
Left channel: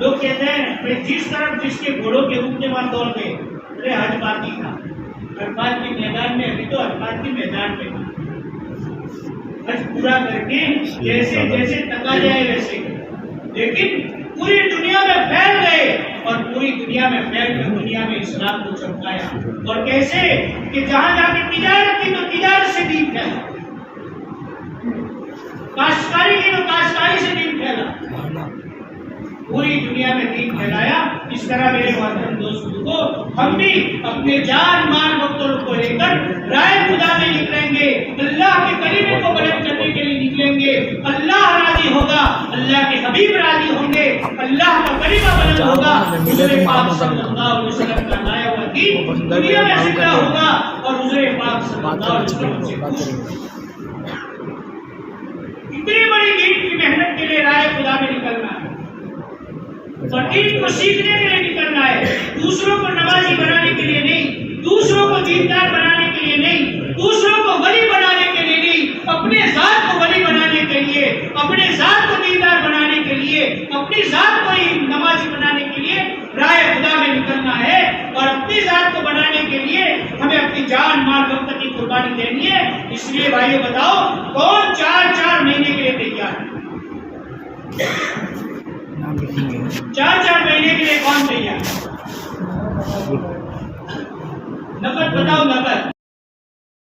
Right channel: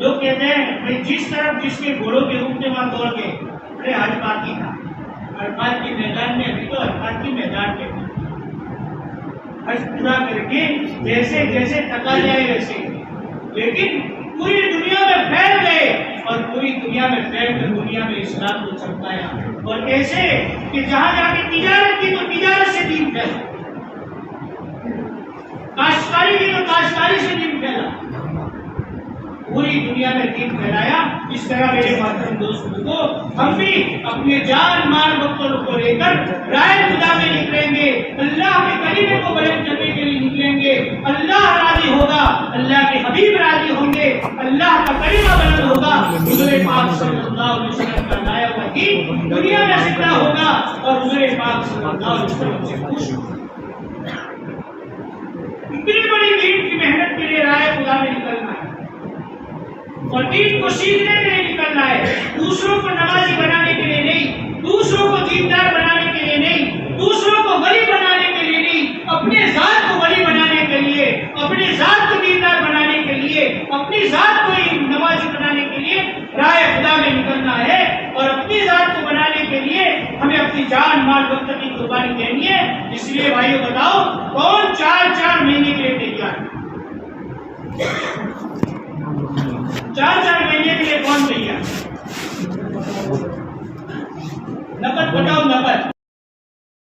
لوگ کہتے ہیں جس طرف جس کے گھوڑوں کے روپ میں وہاں دوڑ گئے. ارے حج پاکی تھا عرفات کے میدان میں. ابھی تو عرفات کے میدان میں حج پورا کر کے جیسے جیسے تکا جائے ویسے, لیکن پوری دنیا میں پھیل گئے اور پوری دنیا میں پھیل کر دنیا میں اسلام کو چمکایا. اور کیسے کہ جہاں جا کے تجارت کی تو تجارت سے دین پھیلا, کاشتکاری کی تو کاشتکاری سے دین پھیلا, پوری دنیا میں دین پھیلایا. اس طرح میرے محترم دوستوں کو ہم بھی اپنے جان مال وقت کو لے کر رائے خدا میں نکلیں گے. اللہ کے کلمے کو بلند کرنے کے لیے نکلیں گے. اللہ راضی ہوگا, اللہ کے حبیب راضی ہوں گے, اللہ کا کلمہ بلند ہوگا. حضور پاک صلی اللہ علیہ وسلم کا لایا ہوا دین دنیا میں زندہ ہوگا اور حضور پاک صلی اللہ علیہ وسلم سے خوش ہوگا. اتنی بڑی دین کی محنت کے لیے رائے خدا میں نکلنا ہے اور دین کو سیکھنے کے لیے نکلنا ہے. دوسروں کو نمازی بنانے کے لیے نہیں, دوسروں کو دیندار بنانے کے لیے نہیں, دوسروں کو ولی بنانے کے لیے نہیں, اپنے ذات کو ولی بنانے کے لیے, اپنے ذات کو دیندار بنانے کے لیے, اپنی ذات کو نمازی بنانے کے لیے رائے خدا میں نکلنا ہے. اور اپنی ذات کو بنانے کے لیے ہمیں اپنی جان مال وقت کی قربانی دینی ہے. اس لیے بھائیو بتاؤ کون 4 مہینے کے لیے تیار ہے؟